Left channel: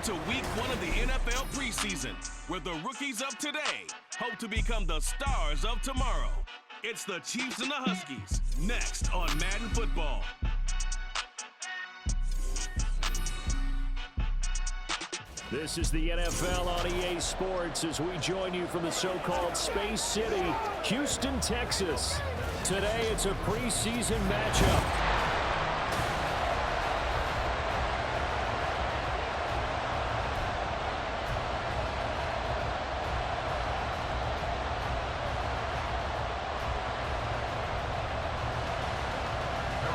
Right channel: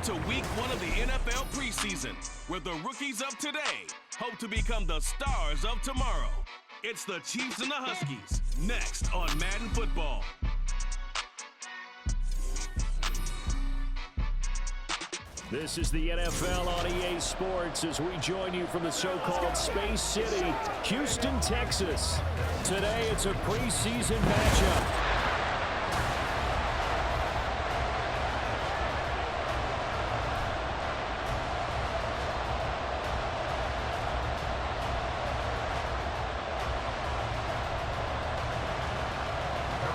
Welcome to week 1 of the NFL preseason, where the rookies of today hope to become the stars of tomorrow. It's the Chiefs and the Huskies, next on Madden Football. This is the NFL on EA Sports as we join you from the so-called Space City, Houston, Texas. Today it's a preseason matchup.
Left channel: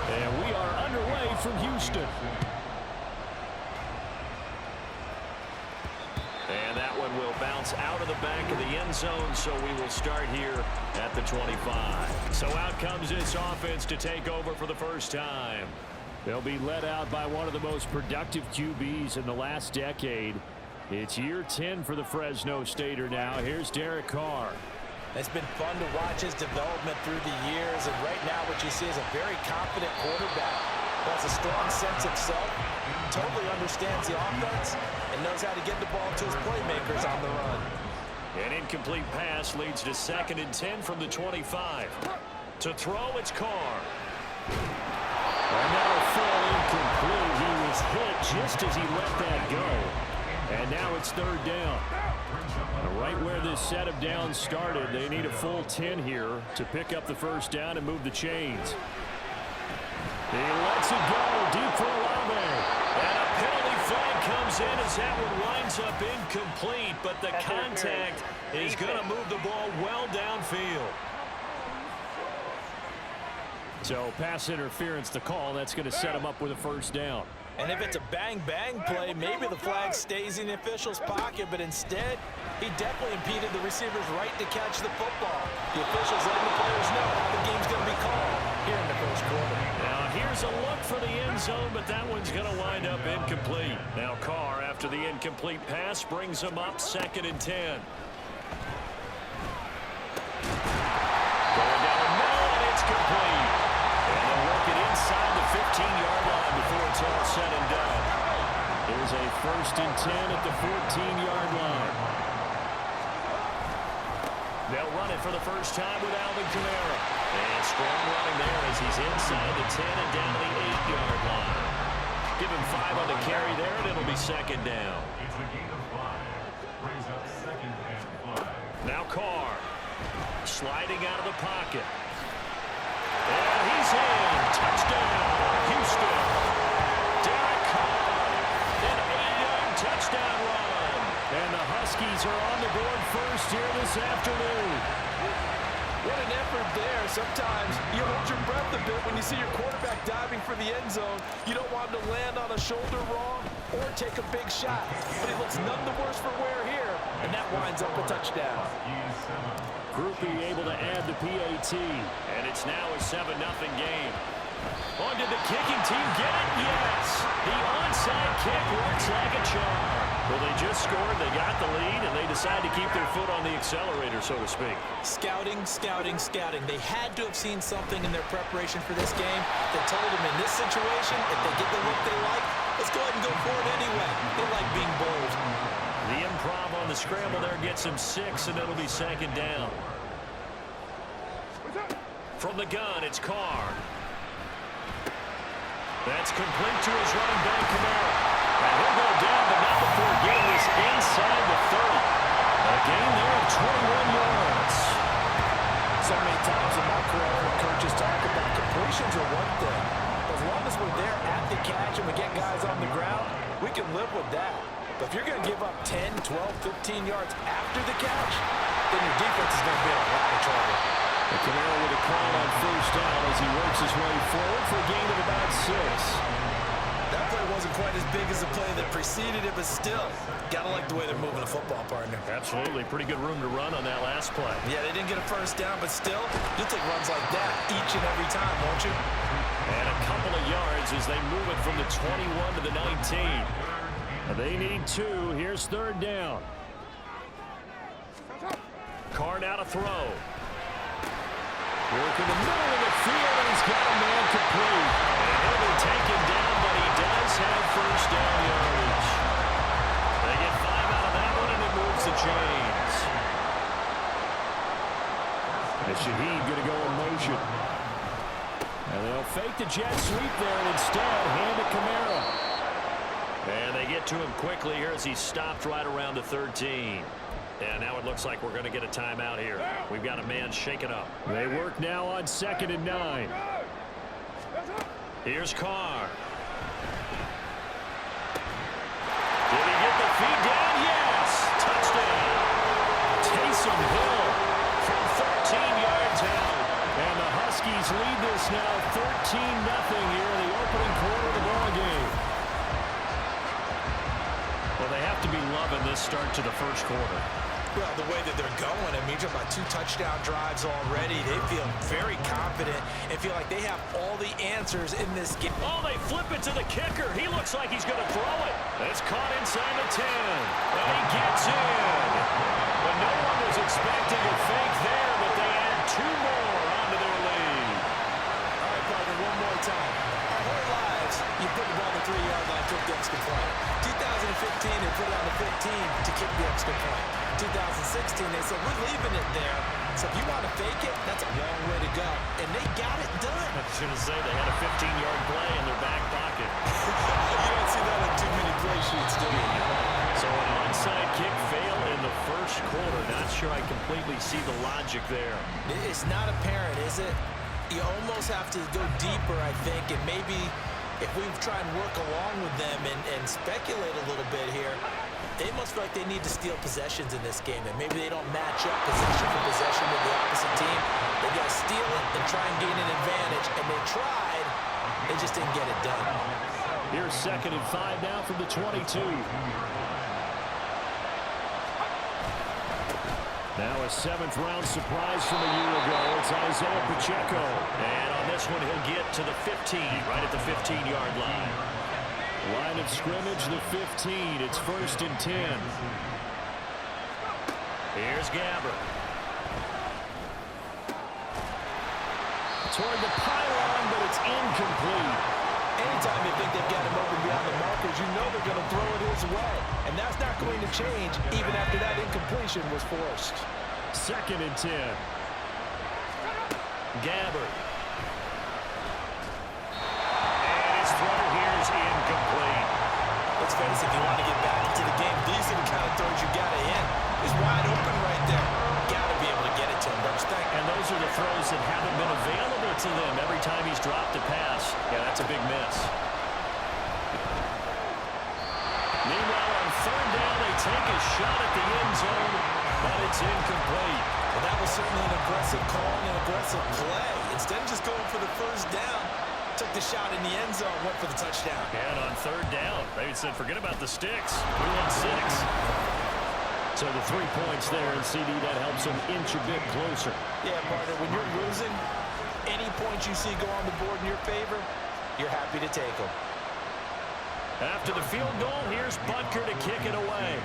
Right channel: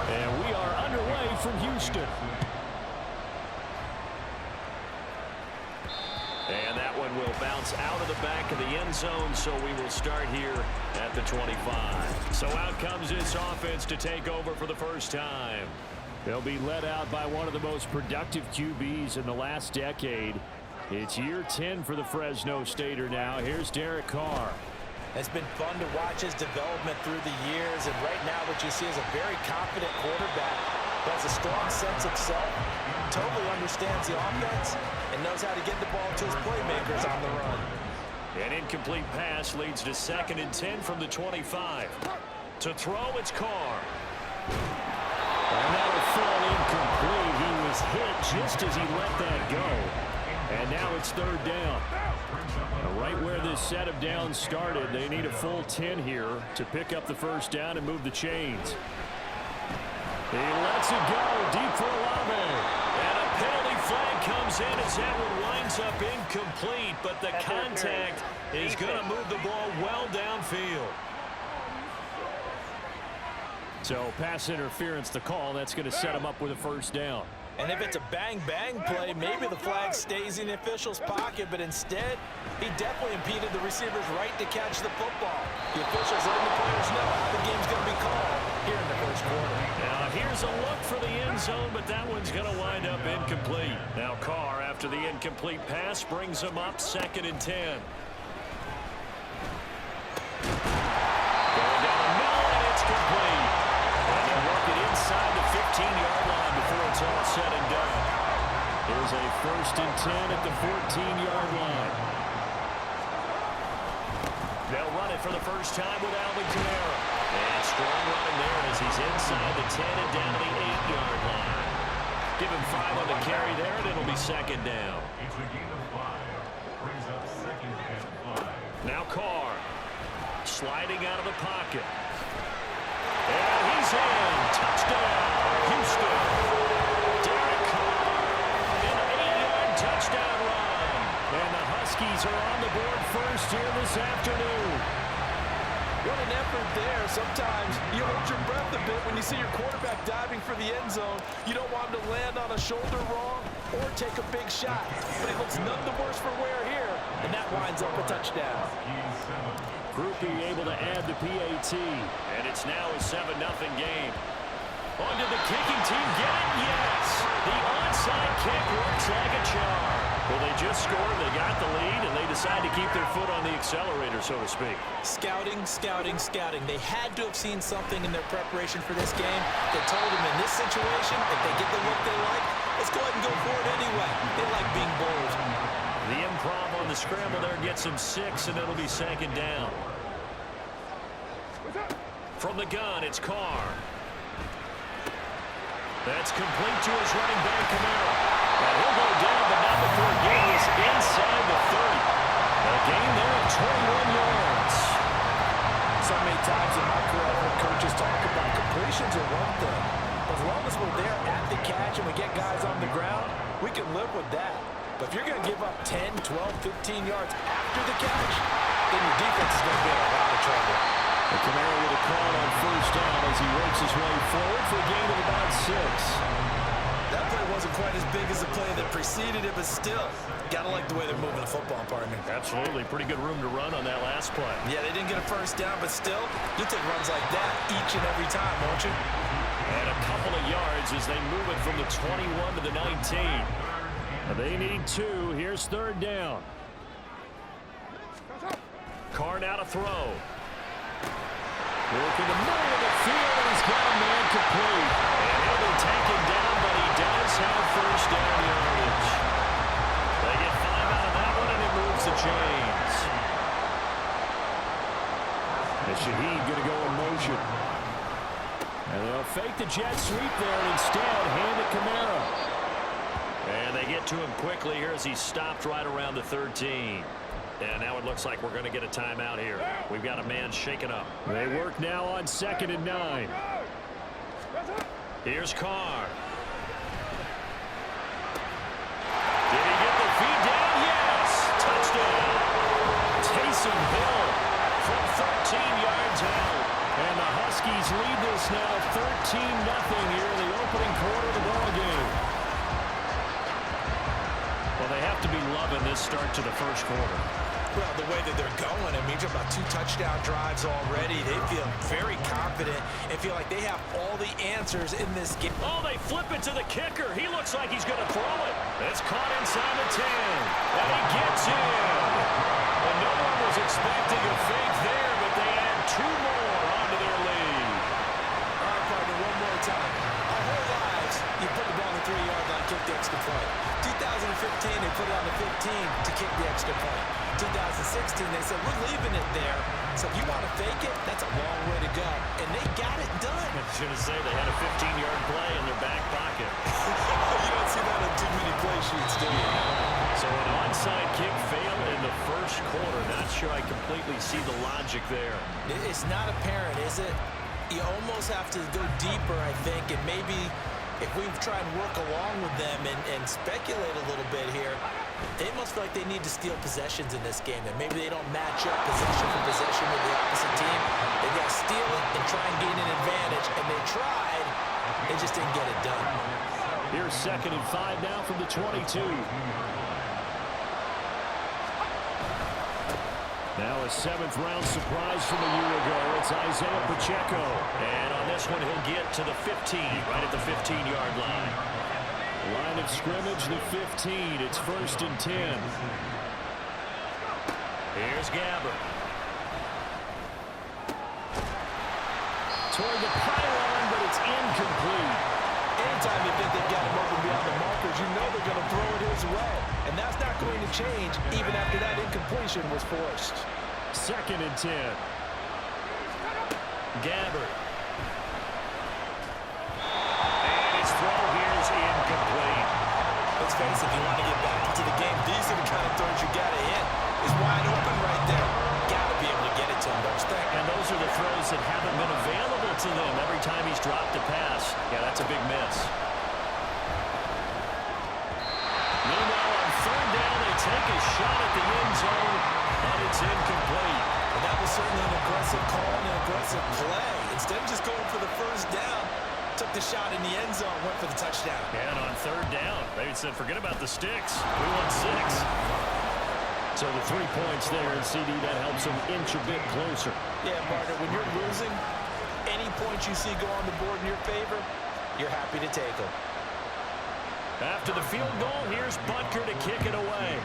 And we are underway from Houston. And that one will bounce out of the back of the end zone, so we will start here at the 25. So out comes this offense to take over for the first time. They'll be led out by one of the most productive QBs in the last decade. It's year 10 for the Fresno Stater now. Here's Derek Carr. It's been fun to watch his development through the years, and right now what you see is a very confident quarterback who has a strong sense of self, totally understands the offense, and knows how to get the ball to his playmakers on the run. An incomplete pass leads to 2nd and 10 from the 25. To throw, it's Carr. And that'll fall incomplete. He was hit just as he let that go. And now it's 3rd down. Right where this set of downs started, they need a full 10 here to pick up the first down and move the chains. He lets it go deep for Olave. And a penalty flag comes in as that one winds up incomplete, but the contact is going to move the ball well downfield. So pass interference the call. That's going to set him up with a first down. And if it's a bang-bang play, maybe the flag stays in the official's pocket, but instead, he definitely impeded the receiver's right to catch the football. The official's letting the players know how the game's going to be called here in the first quarter. Now, here's a look for the end zone, but that one's going to wind up incomplete. Now, Carr, after the incomplete pass, brings him up 2nd and 10. Going down the middle, and it's complete. And they'll work it inside the 15-yard line before it's all said and done. Here's a 1st and 10 at the 14-yard line. They'll run it for the first time with Alvin Kamara. And strong running there as he's inside the 10 and down to the 8-yard line. Give him 5 on the carry there, and it'll be 2nd down. It's a gain of 5. Brings up 2nd and 5. Now Carr sliding out of the pocket. And he's in. Touchdown, Houston. Derek Carr, an 8-yard touchdown run. And the Huskies are on the board first here this afternoon. What an effort there. Sometimes you hold your breath a bit when you see your quarterback diving for the end zone. You don't want him to land on a shoulder wrong or take a big shot. But he looks none the worse for wear here, and that winds up a touchdown. Groupie able to add the PAT, and it's now a 7-0 game. On did the kicking team get it? Yes! The onside kick works like a charm. Well, they just scored, they got the lead, and they decide to keep their foot on the accelerator, so to speak. Scouting, scouting, scouting. They had to have seen something in their preparation for this game that told them in this situation, if they get the look they like, let's go ahead and go for it anyway. They like being bold. The improv on the scramble there gets him 6, and it'll be 2nd down. From the gun, it's Carr. That's complete to his running back, Kamara. And he'll go down, but not before getting this inside the 30. A gain there of 21 yards. So many times in my career, I've heard coaches talk about completions are one thing. But as long as we're there at the catch and we get guys on the ground, we can live with that. But if you're going to give up 10, 12, 15 yards after the catch, then your defense is going to be in a lot of trouble. And Kamara with a call on first down as he works his way forward for a gain of about 6. That play wasn't quite as big as the play that preceded it, but still, gotta like the way they're moving the football, partner. Absolutely. Pretty good room to run on that last play. Yeah, they didn't get a first down, but still, you'll take runs like that each and every time, won't you? And a couple of yards as they move it from the 21 to the 19. They need 2. Here's 3rd down. Carr now to throw. Working the middle of the field, and he's got a man complete. And he'll be taken down, but he does have first down yardage. Shaheed going to go in motion. And they'll fake the jet sweep there and instead hand it Kamara. And they get to him quickly here as he stopped right around the 13. And now it looks like we're going to get a timeout here. We've got a man shaken up. They work now on 2nd and 9. Here's Carr. Did he get the feed down? Yes! Touchdown! Taysom Hill from 13 yards out. And the Huskies lead this now 13-0 here in the opening quarter of the ball game. Well, they have to be loving this start to the first quarter. Well, the way that they're going, I mean, you're about 2 touchdown drives already. They feel very confident and feel like they have all the answers in this game. Oh, they flip it to the kicker. He looks like he's going to throw it. It's caught inside the 10. And he gets in. But no one was expecting a fake there, but they add 2 more onto their lead. All right, partner, one more time. Our whole lives, you put the ball on the 3-yard line, kick the extra point. 2015, they put it on the 15 to kick the extra point. 2016, they said, we're leaving it there. So if you want to fake it, that's a long way to go. And they got it done. I was going to say they had a 15-yard play in their back pocket. You don't see that on too many play sheets, do you? So an onside kick failed in the first quarter. Not sure I completely see the logic there. It's not apparent, is it? You almost have to go deeper, I think, and maybe if we try and work along with them and speculate a little bit here, they must feel like they need to steal possessions in this game, and maybe they don't match up possession for possession with the opposite team. They got to steal it and try and gain an advantage, and they tried. They just didn't get it done. Here's 2nd and 5 now from the 22. Now a 7th-round surprise from a year ago. It's Isaiah Pacheco. And on this one, he'll get to the 15, right at the 15-yard line. Line of scrimmage, the 15. It's 1st and 10. Here's Gabbert. Toward the pylon, but it's incomplete. Anytime you think they've got him open beyond the markers, you know they're going to throw it his way. And that's not going to change even after that incompletion was forced. 2nd and 10. Gabbert. And his throw here is incomplete. Let's face it, if you want to get back into the game, these are the kind of throws you got to hit. He's wide open right there. Got to be able to get it to him, don't you think? And those are the throws that haven't been available to them every time he's dropped a pass. Yeah, that's a big miss. Meanwhile, on 3rd down, they take a shot at the end zone, but it's incomplete. Well, that was certainly an aggressive call and an aggressive play. Instead of just going for the 1st down, took the shot in the end zone, went for the touchdown. And on 3rd down, they said, forget about the sticks. We want 6. So the 3 points there, and CD, that helps them inch a bit closer. Yeah, partner, when you're losing, any points you see go on the board in your favor, you're happy to take them. After the field goal, here's Butker to kick it away.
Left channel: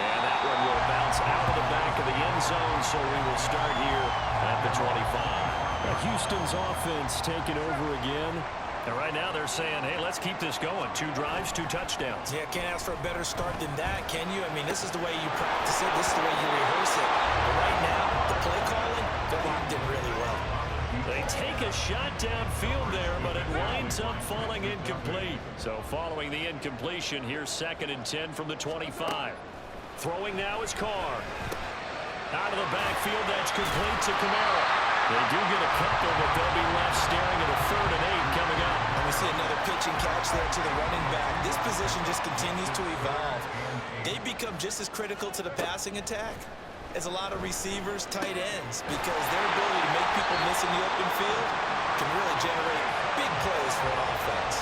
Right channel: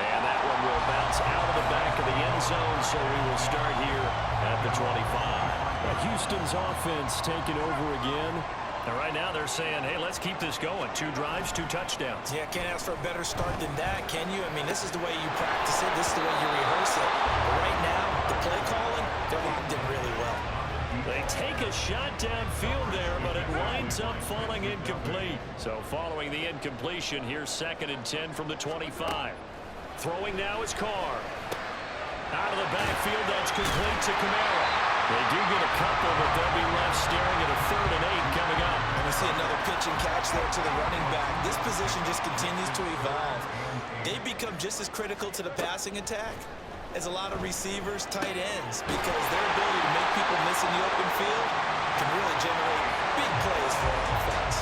And that one will bounce out of the back of the end zone, so we will start here at the 25. Houston's offense taking over again. And right now they're saying, hey, let's keep this going. 2 drives, 2 touchdowns. Yeah, can't ask for a better start than that, can you? I mean, this is the way you practice it. This is the way you rehearse it. But right now, the play calling, they're locked in really well. They take a shot downfield there, but it winds up falling incomplete. So following the incompletion, here's 2nd and 10 from the 25. Throwing now is Carr. Out of the backfield, that's complete to Kamara. They do get a couple, but they'll be left staring at a 3rd and 8 coming up. And we see another pitch and catch there to the running back. This position just continues to evolve. They become just as critical to the passing attack as a lot of receivers, tight ends, because their ability to make people miss in the open field can really generate big plays for an offense.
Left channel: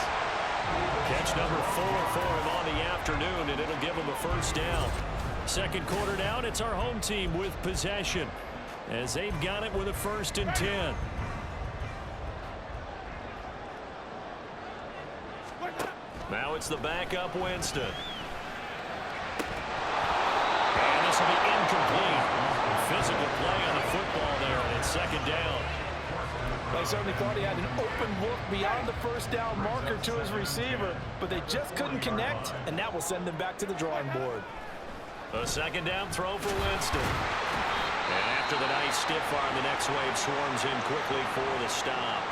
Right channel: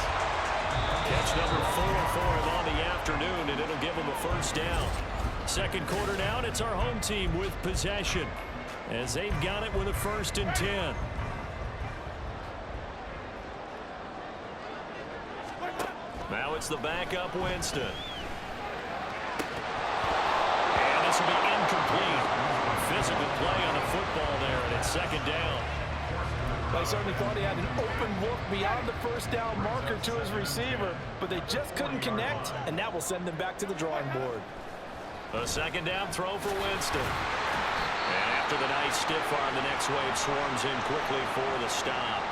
Catch number 4 for him on the afternoon, and it'll give him a 1st down. 2nd quarter now, and it's our home team with possession, as they've got it with a 1st and 10. Now it's the backup Winston. And this will be incomplete. Physical play on the football there, and it's 2nd down. I certainly thought he had an open look beyond the 1st down marker to his receiver, but they just couldn't connect, and that will send them back to the drawing board. A second down throw for Winston. And after the nice stiff arm, the next wave swarms in quickly for the stop.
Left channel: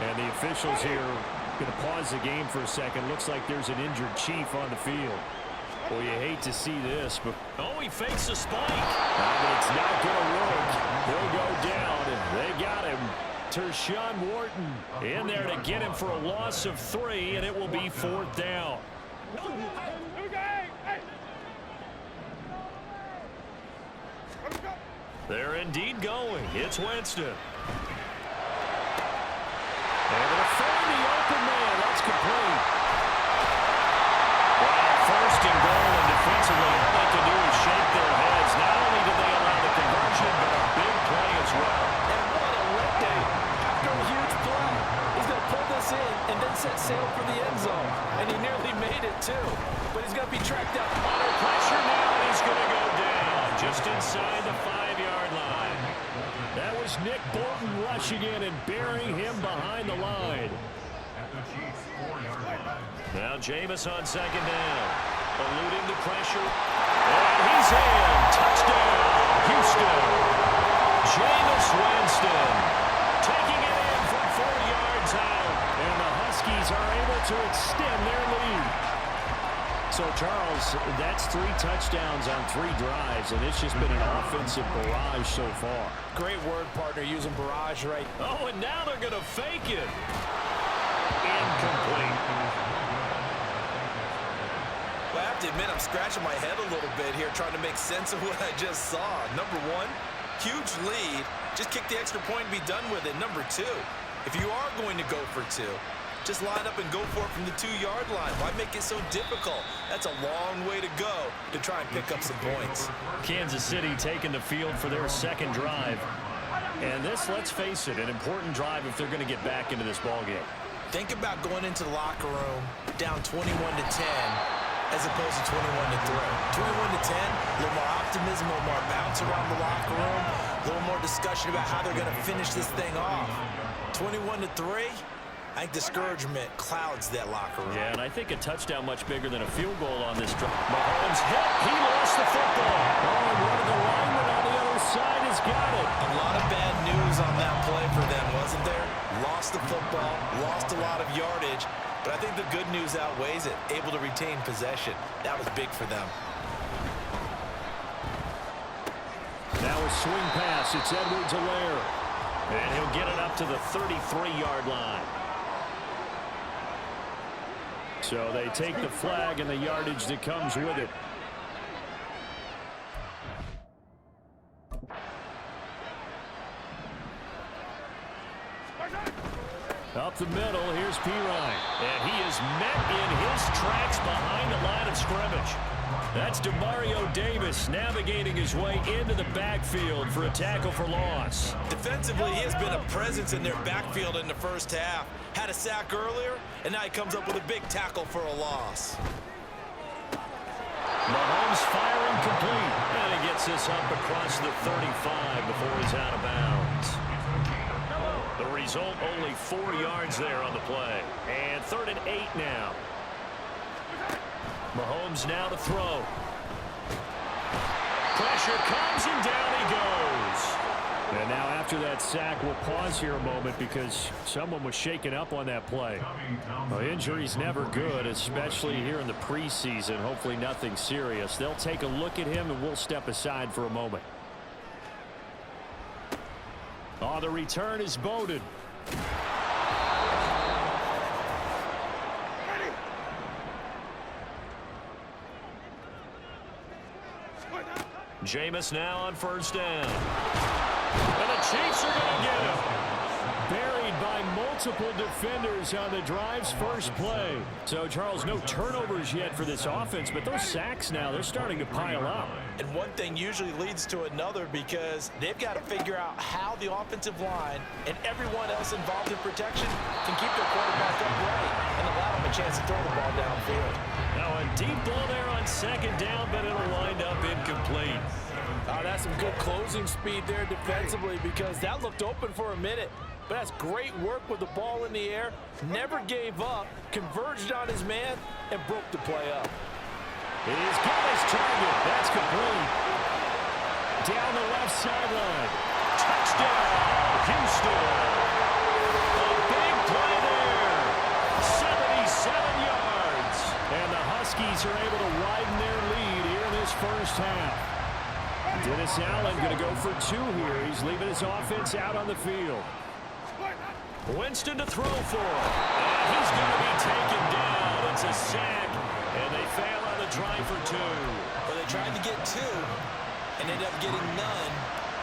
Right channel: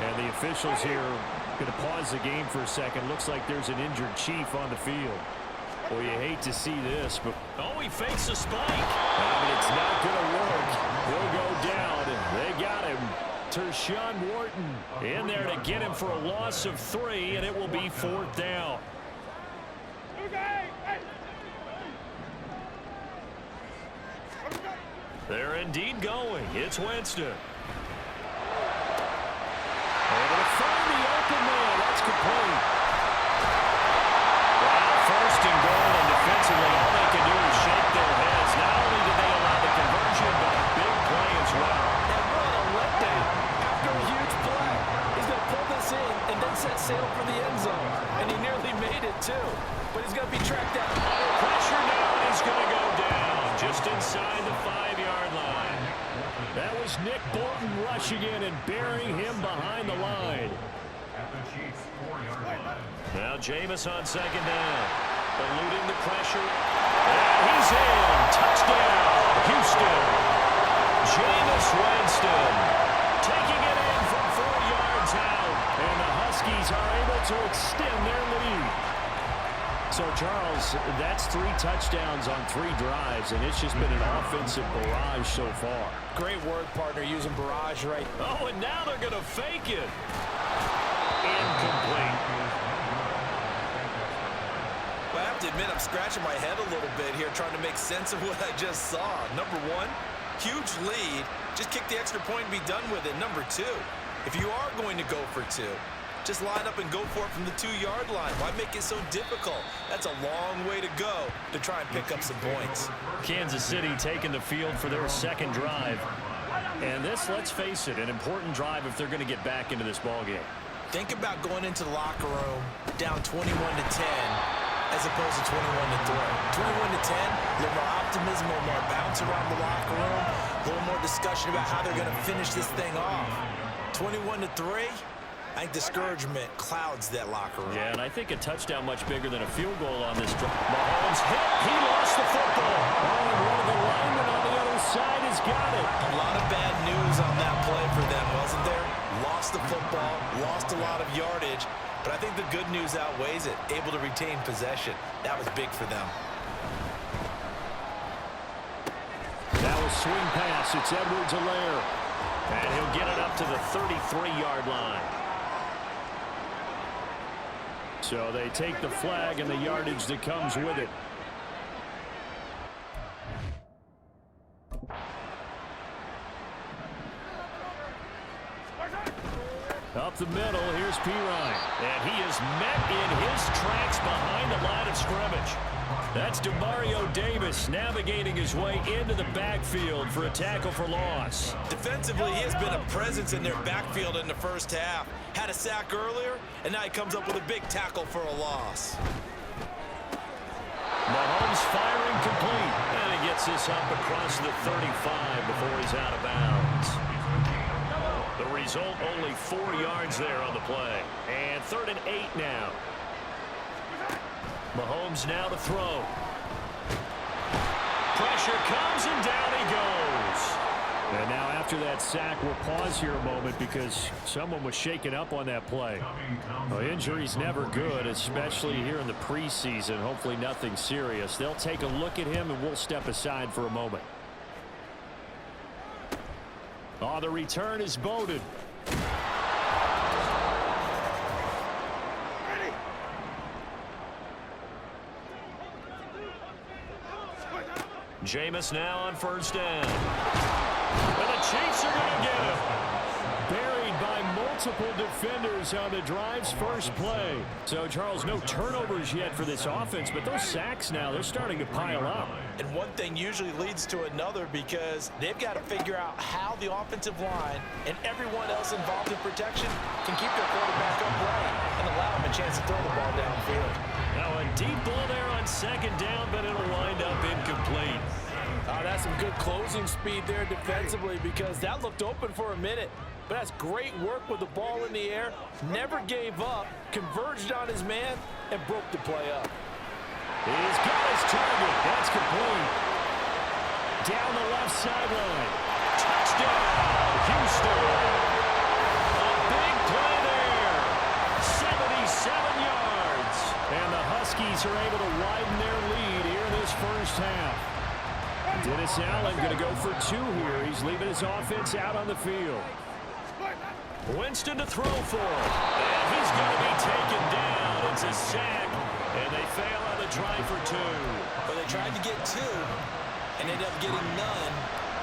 And the officials here going to pause the game for a second. Looks like there's an injured Chief on the field. Well, you hate to see this, but... Oh, he fakes a spike. I mean, it's not going to work. He'll go down. They got him. Tershawn Wharton in there to get him for a loss of 3, and it will be 4th down. They're indeed going. It's Winston. Able to find the open man. That's complete. Wow, first and goal, and defensively, all they can do is shake their heads. Not only did they allow the conversion, but a big play as well. And what a letdown after a huge play. He's going to pull this in and then set sail for the end zone. And he nearly made it, too. But he's going to be tracked down. Under pressure now, and he's going to go down just inside the 5-yard line. That was Nick Bolton rushing in and burying him behind the line. At the Chiefs' 4-yard line. Now Jameis on second down. Eluding the pressure. And he's in. Touchdown, Houston. Jameis Winston taking it in from 4 yards out. And the Huskies are able to extend their lead. So, Charles, that's 3 touchdowns on 3 drives, and it's just been an offensive barrage so far. Great word, partner, using barrage right. Oh, and now they're going to fake it. Incomplete. Well, I have to admit, I'm scratching my head a little bit here trying to make sense of what I just saw. Number 1, huge lead. Just kick the extra point and be done with it. Number 2, if you are going to go for 2, just line up and go for it from the 2-yard line. Why make it so difficult? That's a long way to go to try and pick up some points. Kansas City taking the field for their second drive. And this, let's face it, an important drive if they're going to get back into this ballgame. Think about going into the locker room down 21-10 as opposed to 21-3. 21-10, a little more optimism, a little more bounce around the locker room, a little more discussion about how they're going to finish this thing off. 21-3, I think discouragement clouds that locker room. Yeah, and I think a touchdown much bigger than a field goal on this drive. Mahomes hit. He lost the football. Oh, and one of the linemen on the other side has got it. A lot of bad news on that play for them, wasn't there? Lost the football, lost a lot of yardage, but I think the good news outweighs it. Able to retain possession. That was big for them. Now a swing pass. It's Edwards-Helaire. And he'll get it up to the 33-yard line. So they take the flag and the yardage that comes with it. Up the middle, here's Pirine. And he is met in his tracks behind the line of scrimmage. That's Demario Davis navigating his way into the backfield for a tackle for loss. Defensively, he has been a presence in their backfield in the first half. Had a sack earlier, and now he comes up with a big tackle for a loss. Mahomes firing complete. And he gets this up across the 35 before he's out of bounds. The result, only 4 yards there on the play. And 3rd and 8 now. Mahomes now to throw. Pressure comes and down he goes. And now after that sack, we'll pause here a moment because someone was shaken up on that play. Well, injury's never good, especially here in the preseason. Hopefully nothing serious. They'll take a look at him and we'll step aside for a moment. Oh, the return is Bowden. Jameis now on 1st down. And the Chiefs are going to get him. Buried by multiple defenders on the drive's first play. So, Charles, no turnovers yet for this offense, but those sacks now, they're starting to pile up. And one thing usually leads to another because they've got to figure out how the offensive line and everyone else involved in protection can keep their quarterback upright and allow him a chance to throw the ball downfield. Now a deep ball there on 2nd down, but it'll wind up incomplete. That's some good closing speed there defensively because that looked open for a minute. But that's great work with the ball in the air. Never gave up, converged on his man, and broke the play up. He's got his target. That's complete. Down the left sideline. Touchdown, Houston. A big play there. 77 yards. And the Huskies are able to widen their lead here in this first half. Dennis Allen going to go for 2 here. He's leaving his offense out on the field. Winston to throw for it. And he's going to be taken down. It's a sack. And they fail on the try for 2. Well, they tried to get 2 and ended up getting none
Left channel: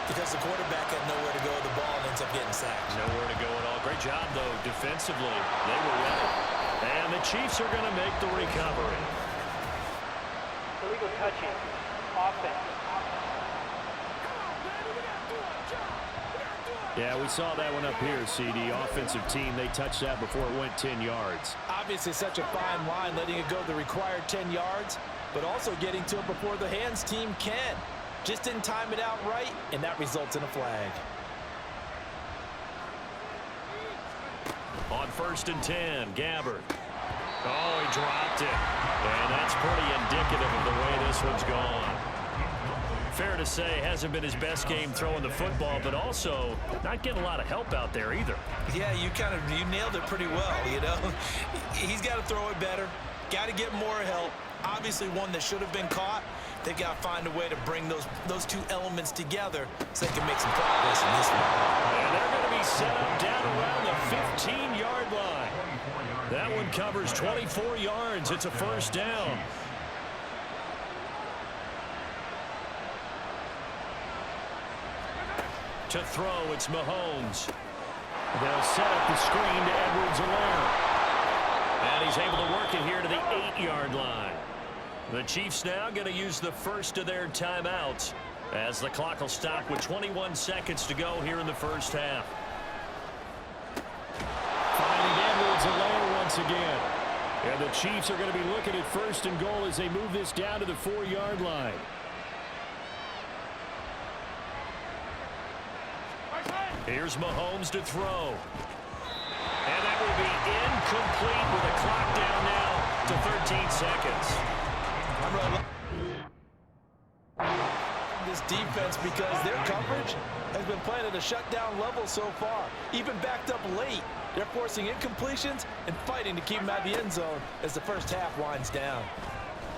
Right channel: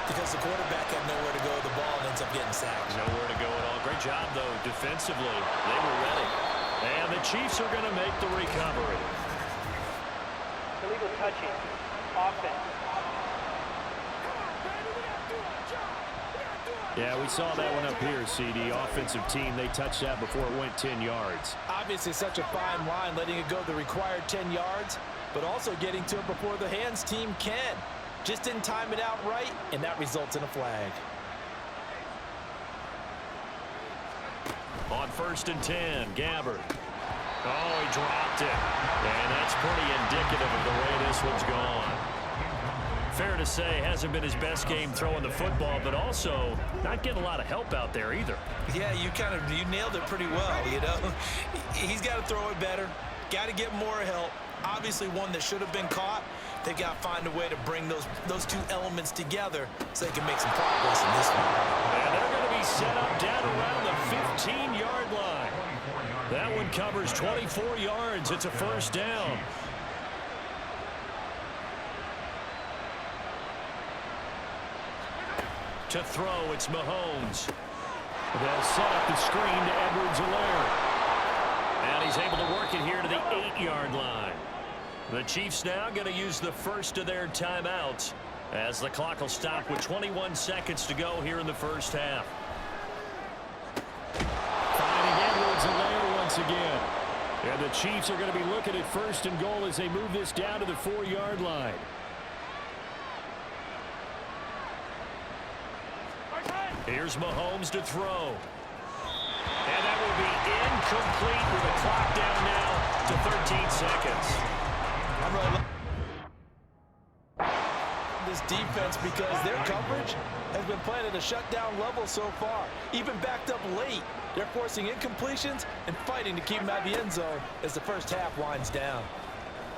because the quarterback had nowhere to go with the ball and ends up getting sacked. Nowhere to go at all. Great job, though, defensively. They were ready. And the Chiefs are going to make the recovery. Illegal touching. Offense. Yeah, we saw that one up here, CD. Offensive team, they touched that before it went 10 yards. Obviously, such a fine line, letting it go the required 10 yards, but also getting to it before the hands team can. Just didn't time it out right, and that results in a flag. On 1st and 10, Gabbard. Oh, he dropped it. And that's pretty indicative of the way this one's gone. Fair to say, hasn't been his best game throwing the football, but also not getting a lot of help out there either. Yeah, you nailed it pretty well, you know. He's got to throw it better, got to get more help. Obviously one that should have been caught. They've got to find a way to bring those 2 elements together so they can make some progress in this one. And they're going to be set up down around the 15-yard line. That one covers 24 yards. It's a first down. To throw, it's Mahomes. They'll set up the screen to Edwards-Helaire. And he's able to work it here to the 8-yard line. The Chiefs now going to use the first of their timeouts as the clock will stop with 21 seconds to go here in the first half. Finding Edwards-Helaire once again. And the Chiefs are going to be looking at 1st and goal as they move this down to the 4-yard line. Here's Mahomes to throw. And that will be incomplete with a clock down now to 13 seconds. I'm really this defense because their coverage has been playing at a shutdown level so far. Even backed up late, they're forcing incompletions and fighting to keep them out of the end zone as the first half winds down.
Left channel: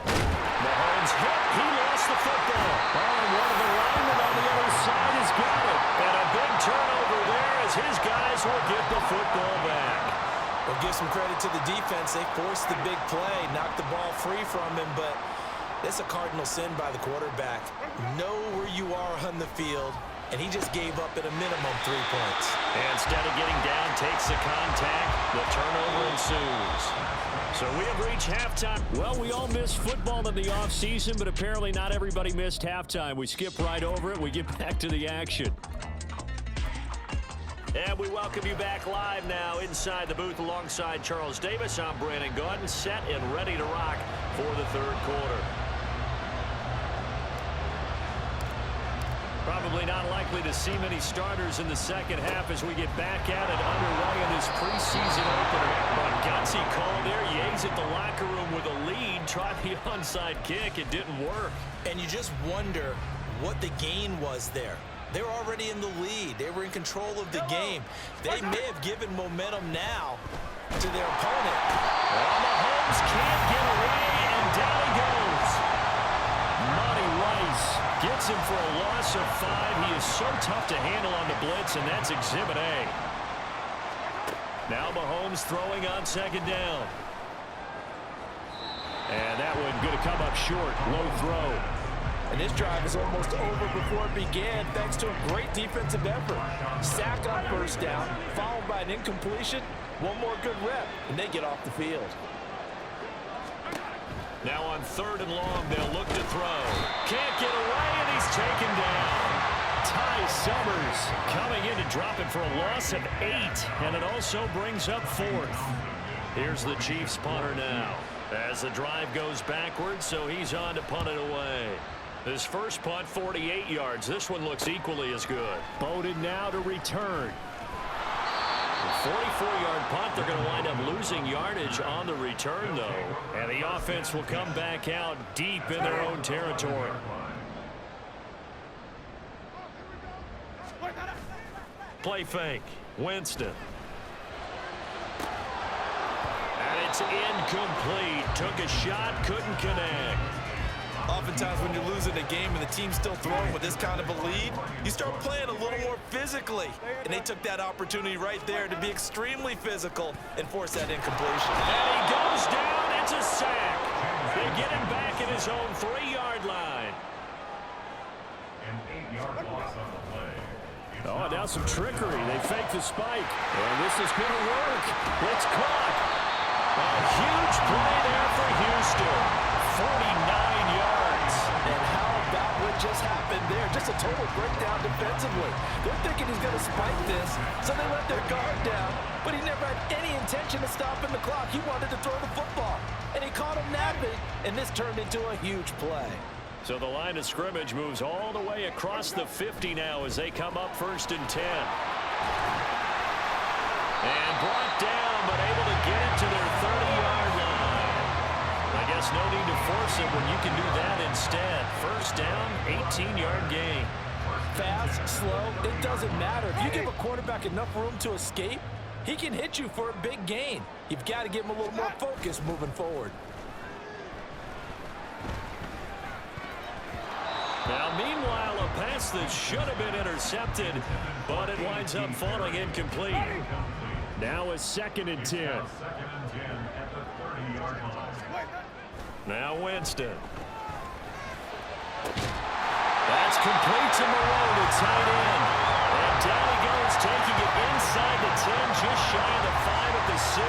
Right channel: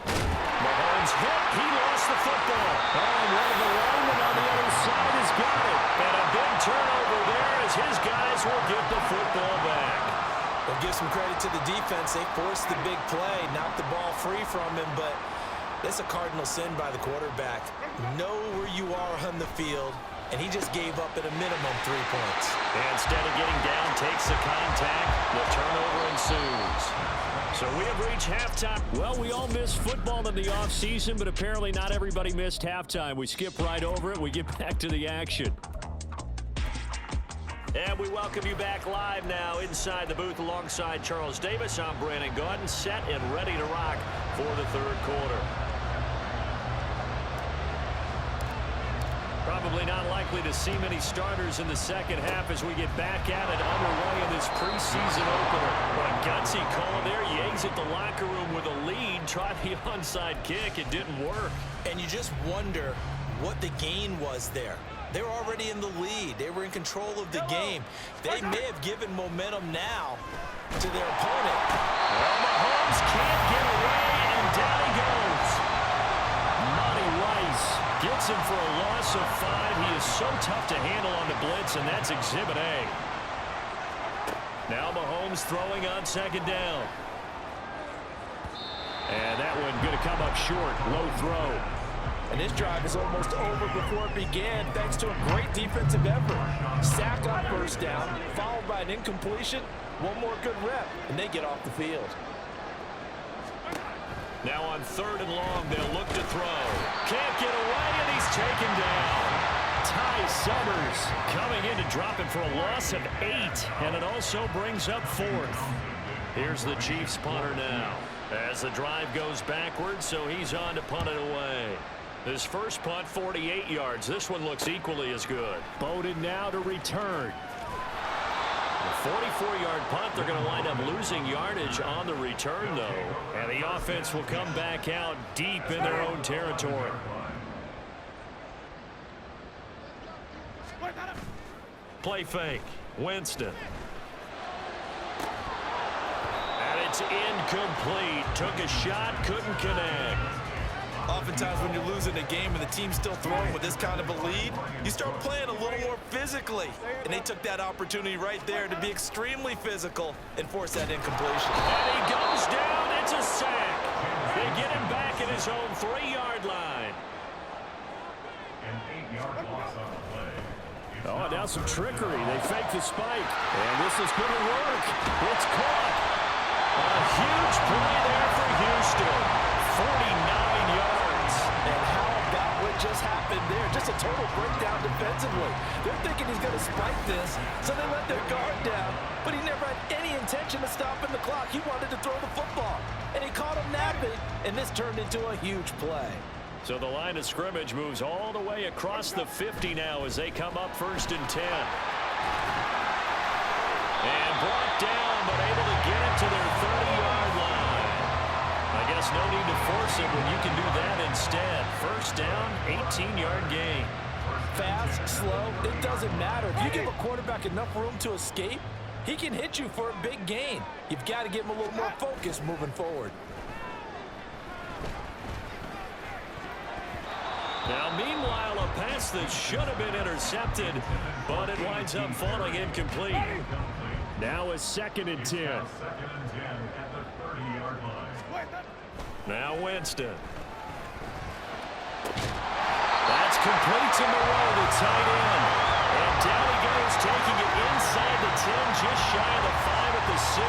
Mahomes hit. He lost the football. Oh, and one of the linemen on the other side has got it. And a big turnover there as his guys will get the football back. Well, give some credit to the defense. They forced the big play, knocked the ball free from him, but that's a cardinal sin by the quarterback. Know where you are on the field, and he just gave up at a minimum 3 points. And instead of getting down, takes the contact. The turnover ensues. So we have reached halftime. Well, we all missed football in the offseason, but apparently not everybody missed halftime. We skip right over it. We get back to the action. And we welcome you back live now inside the booth alongside Charles Davis. I'm Brandon Gaudin, set and ready to rock for the 3rd quarter. Probably not likely to see many starters in the second half as we get back at it underway in this preseason opener. But gutsy call there. Yates at the locker room with a lead. Tried the onside kick. It didn't work. And you just wonder what the gain was there. They were already in the lead. They were in control of the game. They may have given momentum now to their opponent. Well, Mahomes can't get away, and down he goes. Monty Rice gets him for a loss of 5. He is so tough to handle on the blitz, and that's Exhibit A. Now Mahomes throwing on 2nd down. And that one going to come up short. Low throw. And this drive is almost over before it began thanks to a great defensive effort. Sack on 1st down, followed by an incompletion. One more good rep, and they get off the field. Now on 3rd and long, they'll look to throw. Can't get away, and he's taken down. Ty Summers coming in to drop it for a loss of 8, and it also brings up 4th. Here's the Chiefs punter now as the drive goes backwards, so he's on to punt it away. His first punt, 48 yards. This one looks equally as good. Bowden now to return. The 44-yard punt, they're going to wind up losing yardage on the return, though. And the offense will come back out deep in their own territory. Play fake. Winston. And it's incomplete. Took a shot, couldn't connect. Oftentimes when you're losing a game and the team's still throwing with this kind of a lead, you start playing a little more physically. And they took that opportunity right there to be extremely physical and force that incompletion. And he goes down. It's a sack. They get him back at his own 3-yard line. An 8-yard loss on the play. Oh, now some trickery. They fake the spike. And this is going to work. It's caught. A huge play there for Houston. 49 yards. And how about what just happened there? Just a total breakdown defensively. They're thinking he's going to spike this, so they let their guard down. But he never had any intention of stopping the clock. He wanted to throw the football. And he caught him napping, and this turned into a huge play. So the line of scrimmage moves all the way across the 50 now as they come up 1st and 10. And brought down, but able to get it to their 30-yard line. I guess no need to force it when you can do that instead. 1st down, 18-yard gain. Fast, slow, it doesn't matter. If you give a quarterback enough room to escape, he can hit you for a big gain. You've got to give him a little more focus moving forward. Now, meanwhile, a pass that should have been intercepted, but it winds up falling incomplete. Now a 2nd and 10. 2nd and 10 at the 30-yard line. Now Winston. That's complete to Moreau to tight end. And down he goes, taking it inside the 10, just shy of the 5 at the 6.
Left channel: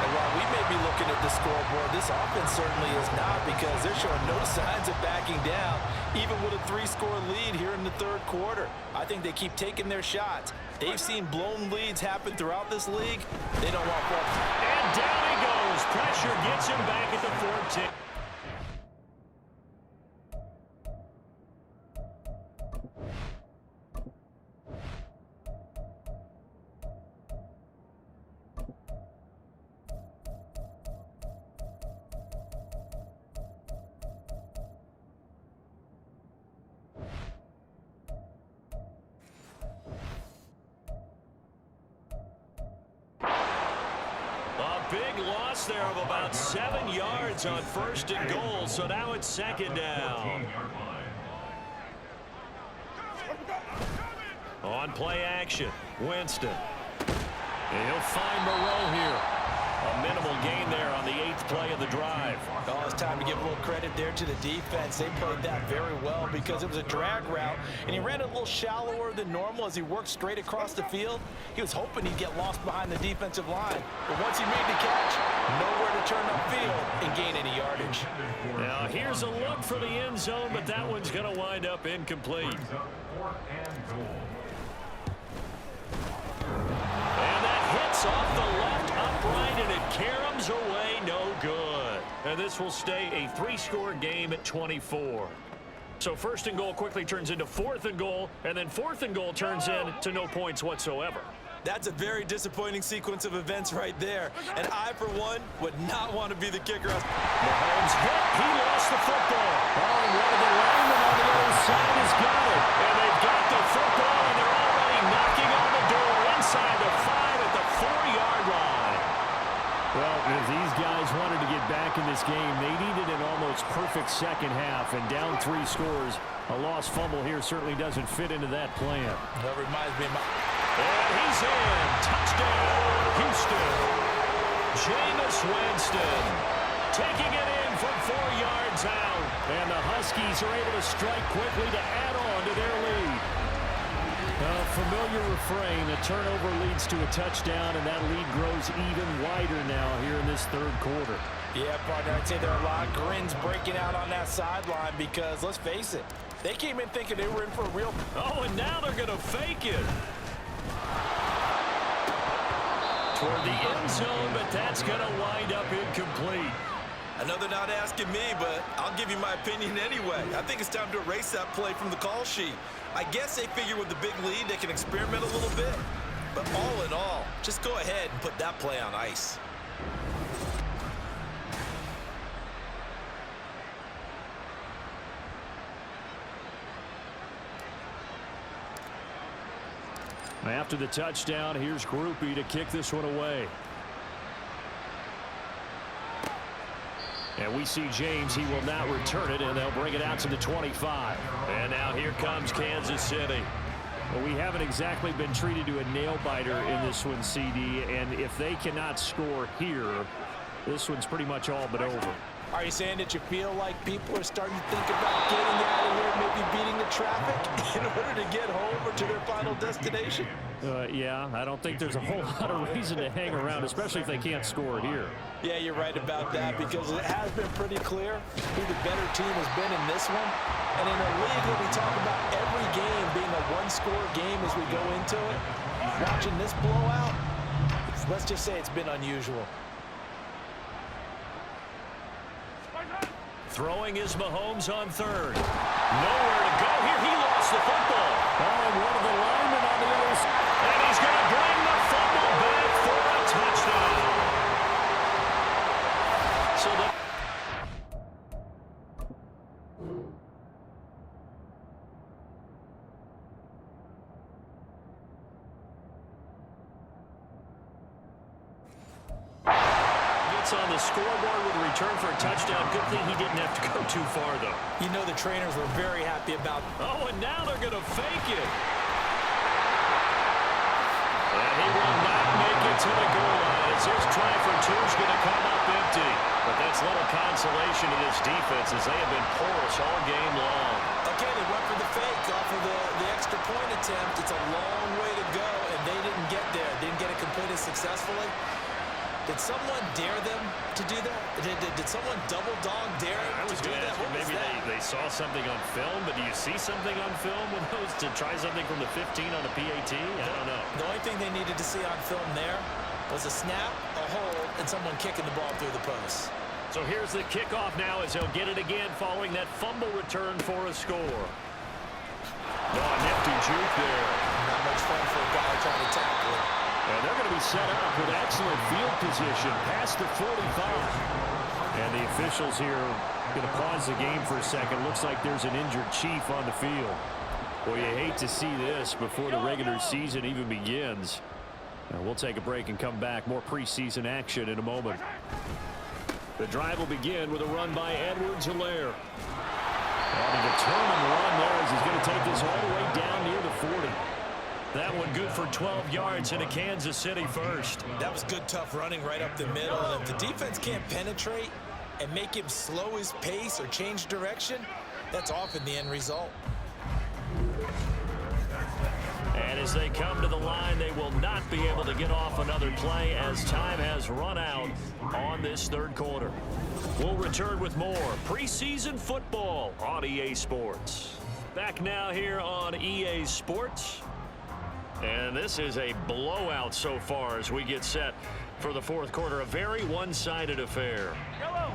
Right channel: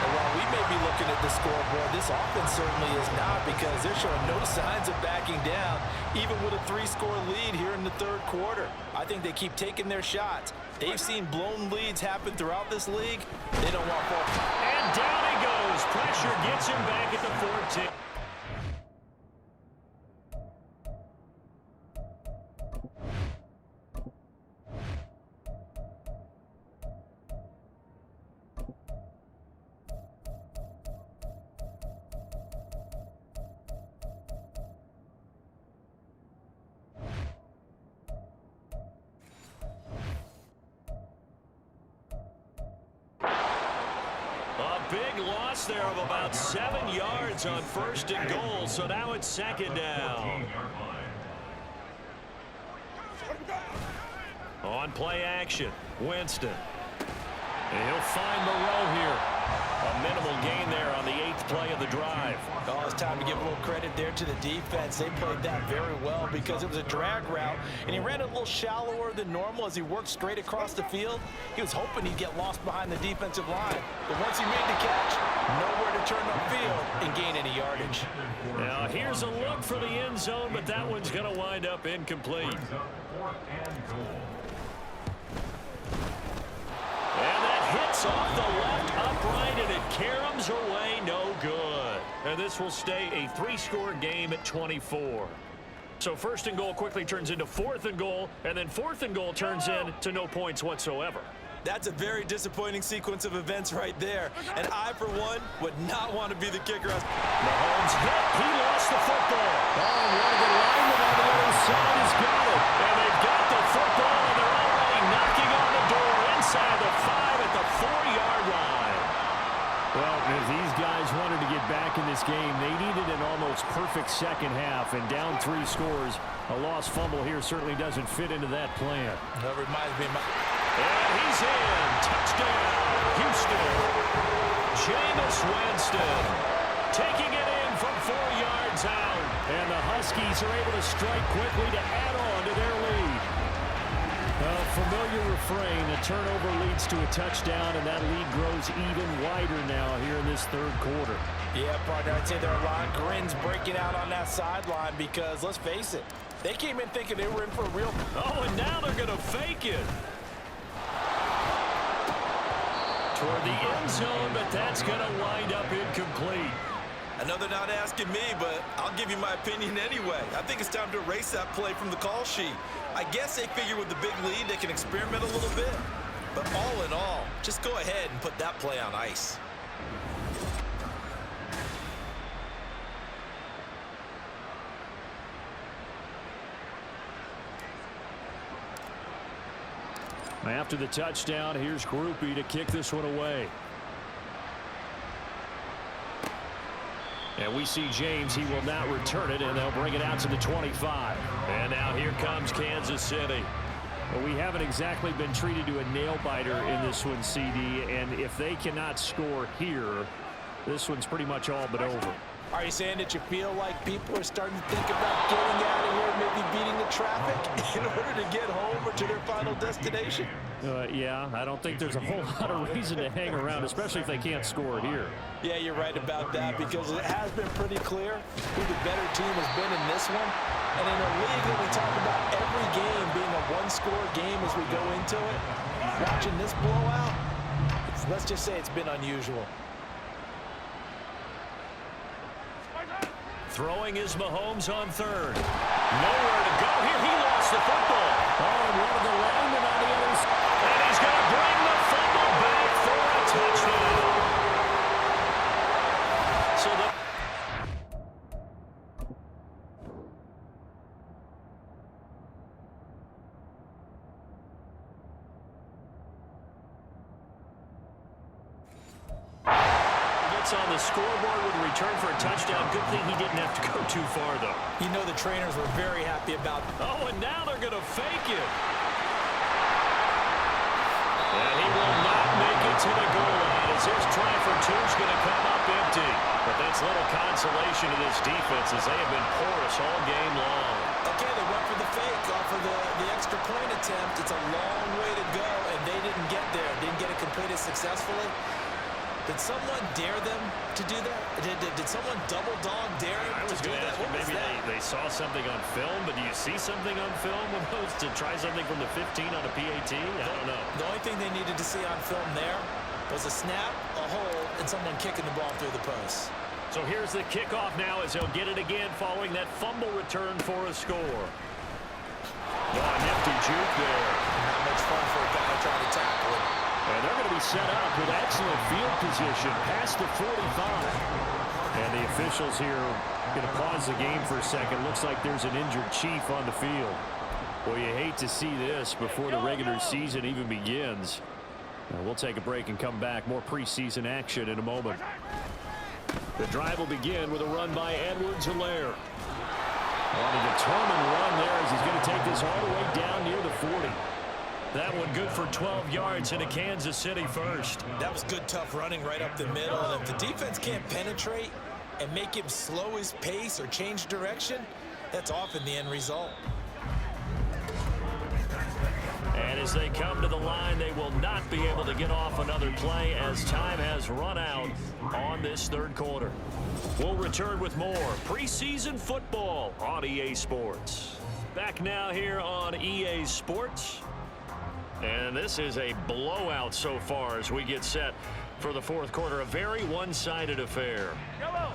And while we may be looking at the scoreboard, this offense certainly is not, because they're showing no signs of backing down, even with a 3-score lead here in the 3rd quarter. I think they keep taking their shots. They've seen blown leads happen throughout this league. They don't want more. And down he goes. Pressure gets him back at the 14. Big loss there of about 7 yards on 1st and goal, so now it's 2nd down. On play action, Winston. And he'll find Moreau here. A minimal gain there on the 8th play of the drive. Oh, it's time to give a little credit there to the defense. They played that very well because it was a drag route, and he ran a little shallower than normal as he worked straight across the field. He was hoping he'd get lost behind the defensive line. But once he made the catch, nowhere to turn upfield and gain any yardage. Now, here's a look for the end zone, but that one's going to wind up incomplete. And that hits off the left upright, and it caroms away, no good. And this will stay a 3-score game at 24. So 1st and goal quickly turns into 4th and goal, and then 4th and goal turns into no points whatsoever. That's a very disappointing sequence of events right there. And I, for one, would not want to be the kicker. Mahomes hit. He lost the football. Oh, and one of the linemen on the other side has got it. And they've got the football, and they're already knocking on the door inside the 5 at the 4-yard line. Well, if these guys wanted to get back in this game, they needed an almost perfect second half, and down 3 scores. A lost fumble here certainly doesn't fit into that plan. That reminds me of my... And he's in. Touchdown, Houston. Jameis Winston taking it in from 4 yards out. And the Huskies are able to strike quickly to add on to their lead. A familiar refrain, a turnover leads to a touchdown, and that lead grows even wider now here in this 3rd quarter. Yeah, partner, I'd say there are a lot of grins breaking out on that sideline because, let's face it, they came in thinking they were in for a real... Oh, and now they're going to fake it. Toward the end zone, but that's going to wind up incomplete. I know they're not asking me, but I'll give you my opinion anyway. I think it's time to erase that play from the call sheet. I guess they figure with the big lead they can experiment a little bit. But all in all, just go ahead and put that play on ice. After the touchdown, here's Groupie to kick this one away. And we see James. He will not return it, and they'll bring it out to the 25. And now here comes Kansas City. Well, we haven't exactly been treated to a nail-biter in this one, CD, and if they cannot score here, this one's pretty much all but over. Are you saying that you feel like people are starting to think about getting out of here, maybe beating the traffic in order to get home or to their final destination? Yeah, I don't think there's a whole lot of reason to hang around, especially if they can't score here. Yeah, you're right about that, because it has been pretty clear who the better team has been in this one. And in a league that we talk about every game being a one-score game as we go into it, watching this blowout, let's just say it's been unusual. Throwing is Mahomes on third. Nowhere to go here. He lost the football. Oh, and one of the linemen on the other side. And he's going to bring the fumble back for a touchdown. So the on the scoreboard with a return for a touchdown. Good thing he didn't have to go too far, though. You know the trainers were very happy about it. Oh, and now they're going to fake it. And he will not make it to the goal line as his try for two is going to come up empty. But that's little consolation to this defense as they have been porous all game long. Okay, they went for the fake off of the extra point attempt. It's a long way to go, and they didn't get there. Didn't get it completed successfully. Did someone dare them to do that? Did someone double dog dare them I was to do going to that? ask you, maybe they saw something on film, but do you see something on film with those to try something from the 15 on a PAT? I don't know. The only thing they needed to see on film there was a snap, a hold, and someone kicking the ball through the post. So here's the kickoff now as he'll get it again following that fumble return for a score. Oh, a nifty juke there. Not much fun for a guy trying to tackle it. And they're going to be set up with excellent field position past the 45. And the officials here are going to pause the game for a second. Looks like there's an injured Chief on the field. Well, you hate to see this before the regular season even begins. We'll take a break and come back. More preseason action in a moment. The drive will begin with a run by Edwards-Helaire. On a determined run there as he's going to take this all the way down near the 40. That one good for 12 yards into Kansas City first. That was good, tough running right up the middle. And if the defense can't penetrate and make him slow his pace or change direction, that's often the end result. And as they come to the line, they will not be able to get off another play as time has run out on this third quarter. We'll return with more preseason football on EA Sports. Back now here on EA Sports. And this is a blowout so far as we get set for the fourth quarter. A very one-sided affair. Yellow.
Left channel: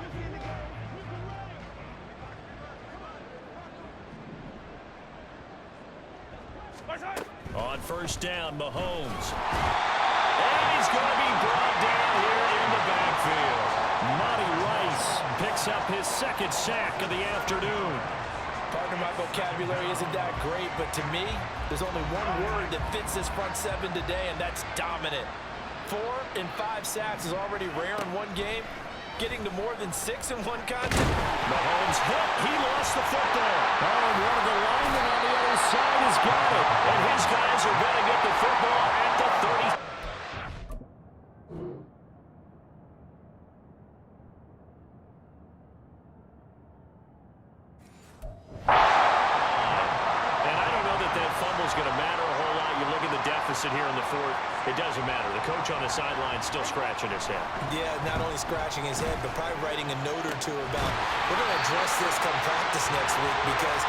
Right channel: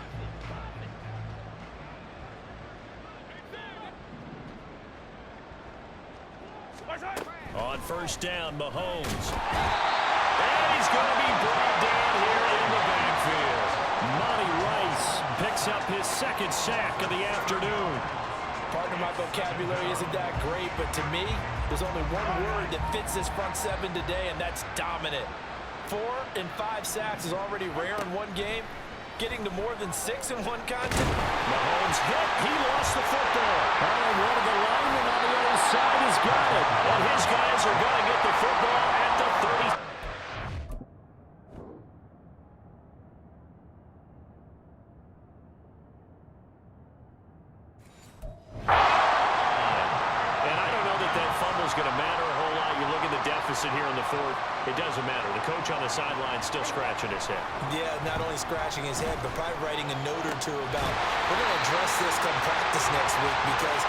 On first down, Mahomes. And he's going to be brought down here in the backfield. Monty Rice picks up his second sack of the afternoon. Partner, my vocabulary isn't that great, but to me, there's only one word that fits this front seven today, and that's dominant. 4 and 5 sacks is already rare in one game. Getting to more than 6 in one contest. Mahomes hit. He lost the football. Oh, and one of the linemen on the other side has got it. And his guys are going to get the football at the 30. And I don't know that fumble's going to matter a whole lot. You look at the deficit here in the fourth. it doesn't matter. The coach on the sideline still scratching his head. Yeah, not only scratching his head, but probably writing a note or two about, we're going to address this come practice next week because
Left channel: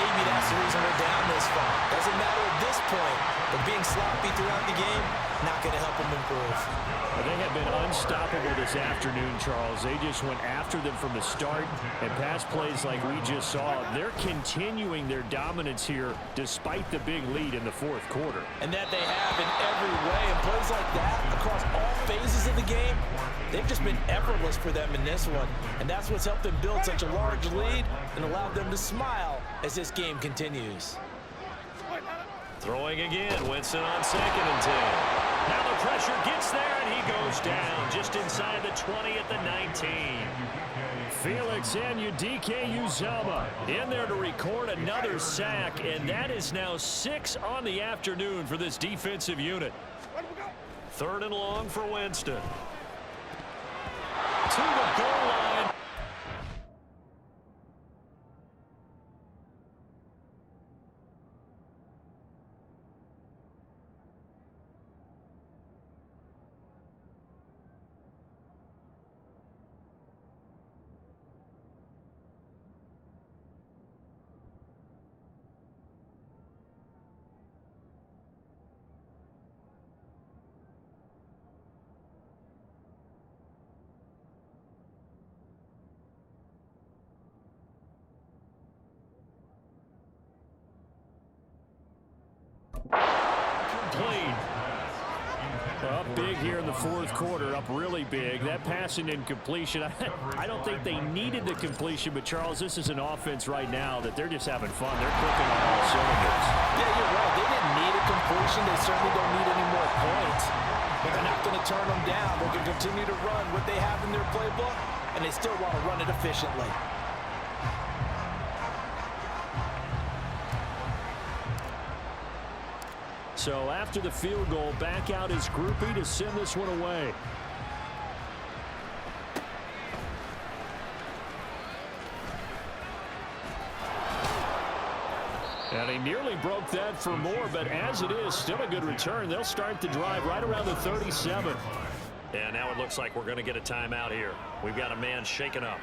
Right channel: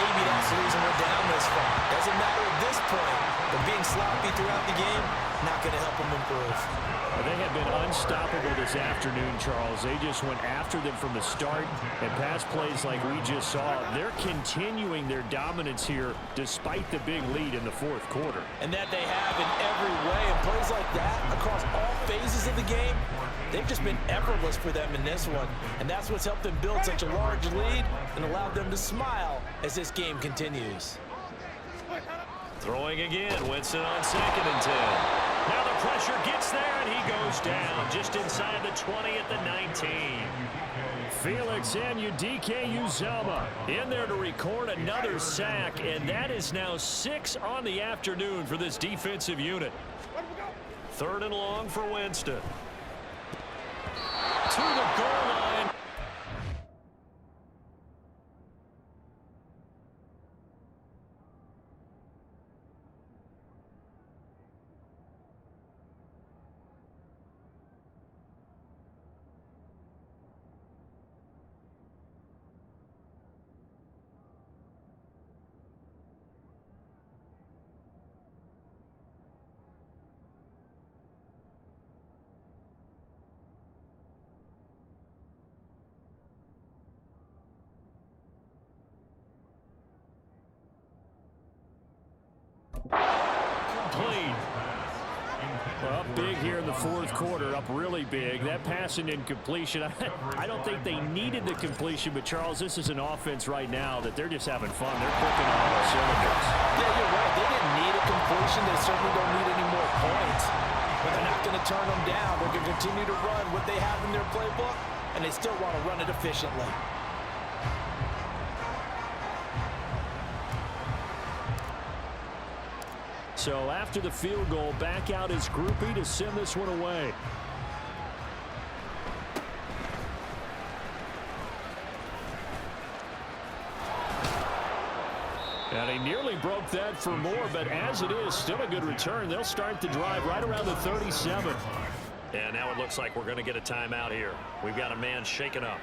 maybe that's the reason we're down this far. Doesn't matter at this point, but being sloppy throughout the game, not going to help them improve. They have been unstoppable this afternoon, Charles. They just went after them from the start, and pass plays like we just saw, they're continuing their dominance here despite the big lead in the fourth quarter. And that they have in every way, and plays like that across all phases of the game, they've just been effortless for them in this one. And that's what's helped them build such a large lead and allowed them to smile as this game continues. Throwing again, Winston on 2nd and 10. Now the pressure gets there, and he goes down just inside the 20 at the 19. Felix Anudike-Uzomah in there to record another sack, and that is now 6 on the afternoon for this defensive unit. 3rd and long for Winston. To the goal line. Complete. Well, up big here in the fourth quarter, up really big. That passing incompletion, I don't think they needed the completion, but Charles, this is an offense right now that they're just having fun. They're clicking on all cylinders. Yeah, you're right. They didn't need a completion. They certainly don't need any more points. But they're not going to turn them down. They're going to continue to run what they have in their playbook, and they still want to run it efficiently. So after the field goal, back out his groupie to send this one away. And he nearly broke that for more, but as it is, still a good return. They'll start the drive right around the 37. And now it looks like we're going to get a timeout here. We've got a man shaken up.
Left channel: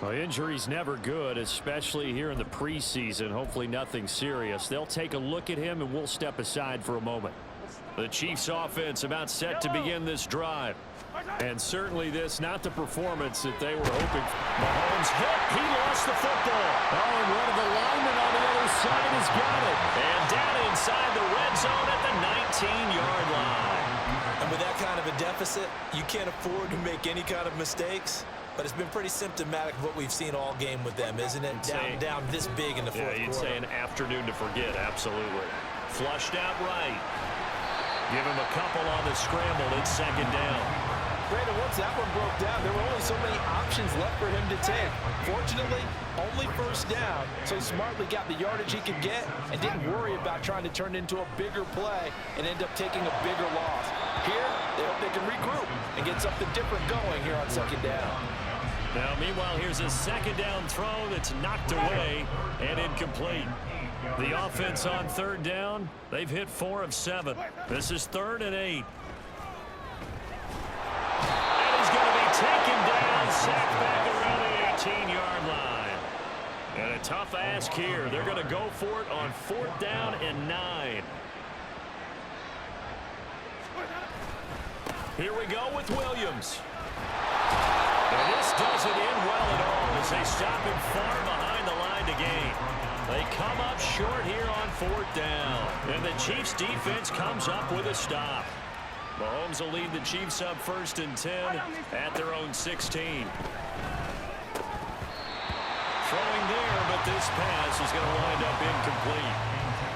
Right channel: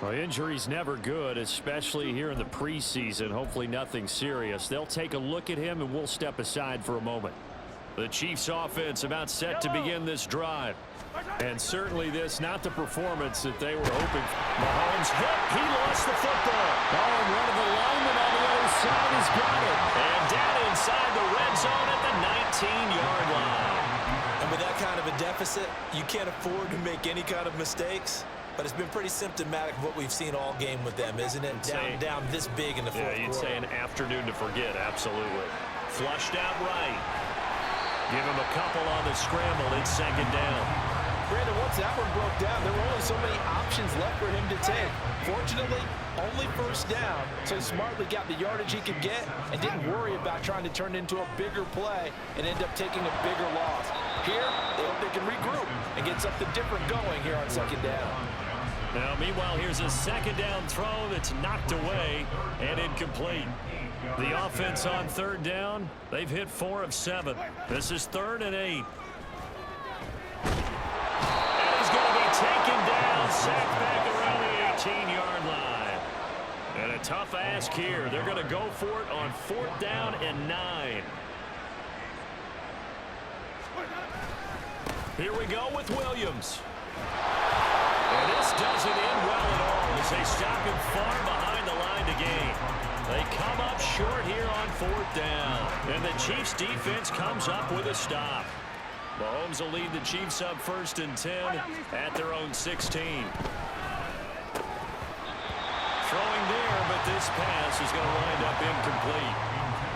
Well, injury's never good, especially here in the preseason. Hopefully nothing serious. They'll take a look at him, and we'll step aside for a moment. The Chiefs offense about set to begin this drive. And certainly this, not the performance that they were hoping for. Mahomes hit. He lost the football. Oh, and one of the linemen on the other side has got it. And down inside the red zone at the 19-yard line. And with that kind of a deficit, you can't afford to make any kind of mistakes. But it's been pretty symptomatic of what we've seen all game with them, isn't it? Down this big in the fourth quarter. Yeah, you'd say an afternoon to forget, absolutely. Flushed out right. Give him a couple on the scramble. It's 2nd down. Brandon, once that one broke down, there were only so many options left for him to take. Fortunately, only 1st down, so he smartly got the yardage he could get and didn't worry about trying to turn it into a bigger play and end up taking a bigger loss. Here, they hope they can regroup and get something different going here on 2nd down. Now, meanwhile, here's a 2nd down throw that's knocked away and incomplete. The offense on 3rd down, they've hit 4 of 7. This is 3rd and 8. And he's going to be taken down, sacked back around the 18-yard line. And a tough ask here. They're going to go for it on 4th down and 9. Here we go with Williams. And this doesn't end well at all as they stop him far behind the line to gain. They come up short here on 4th down. And the Chiefs defense comes up with a stop. Mahomes will lead the Chiefs up 1st and 10 at their own 16. Throwing there, but this pass is going to wind up incomplete.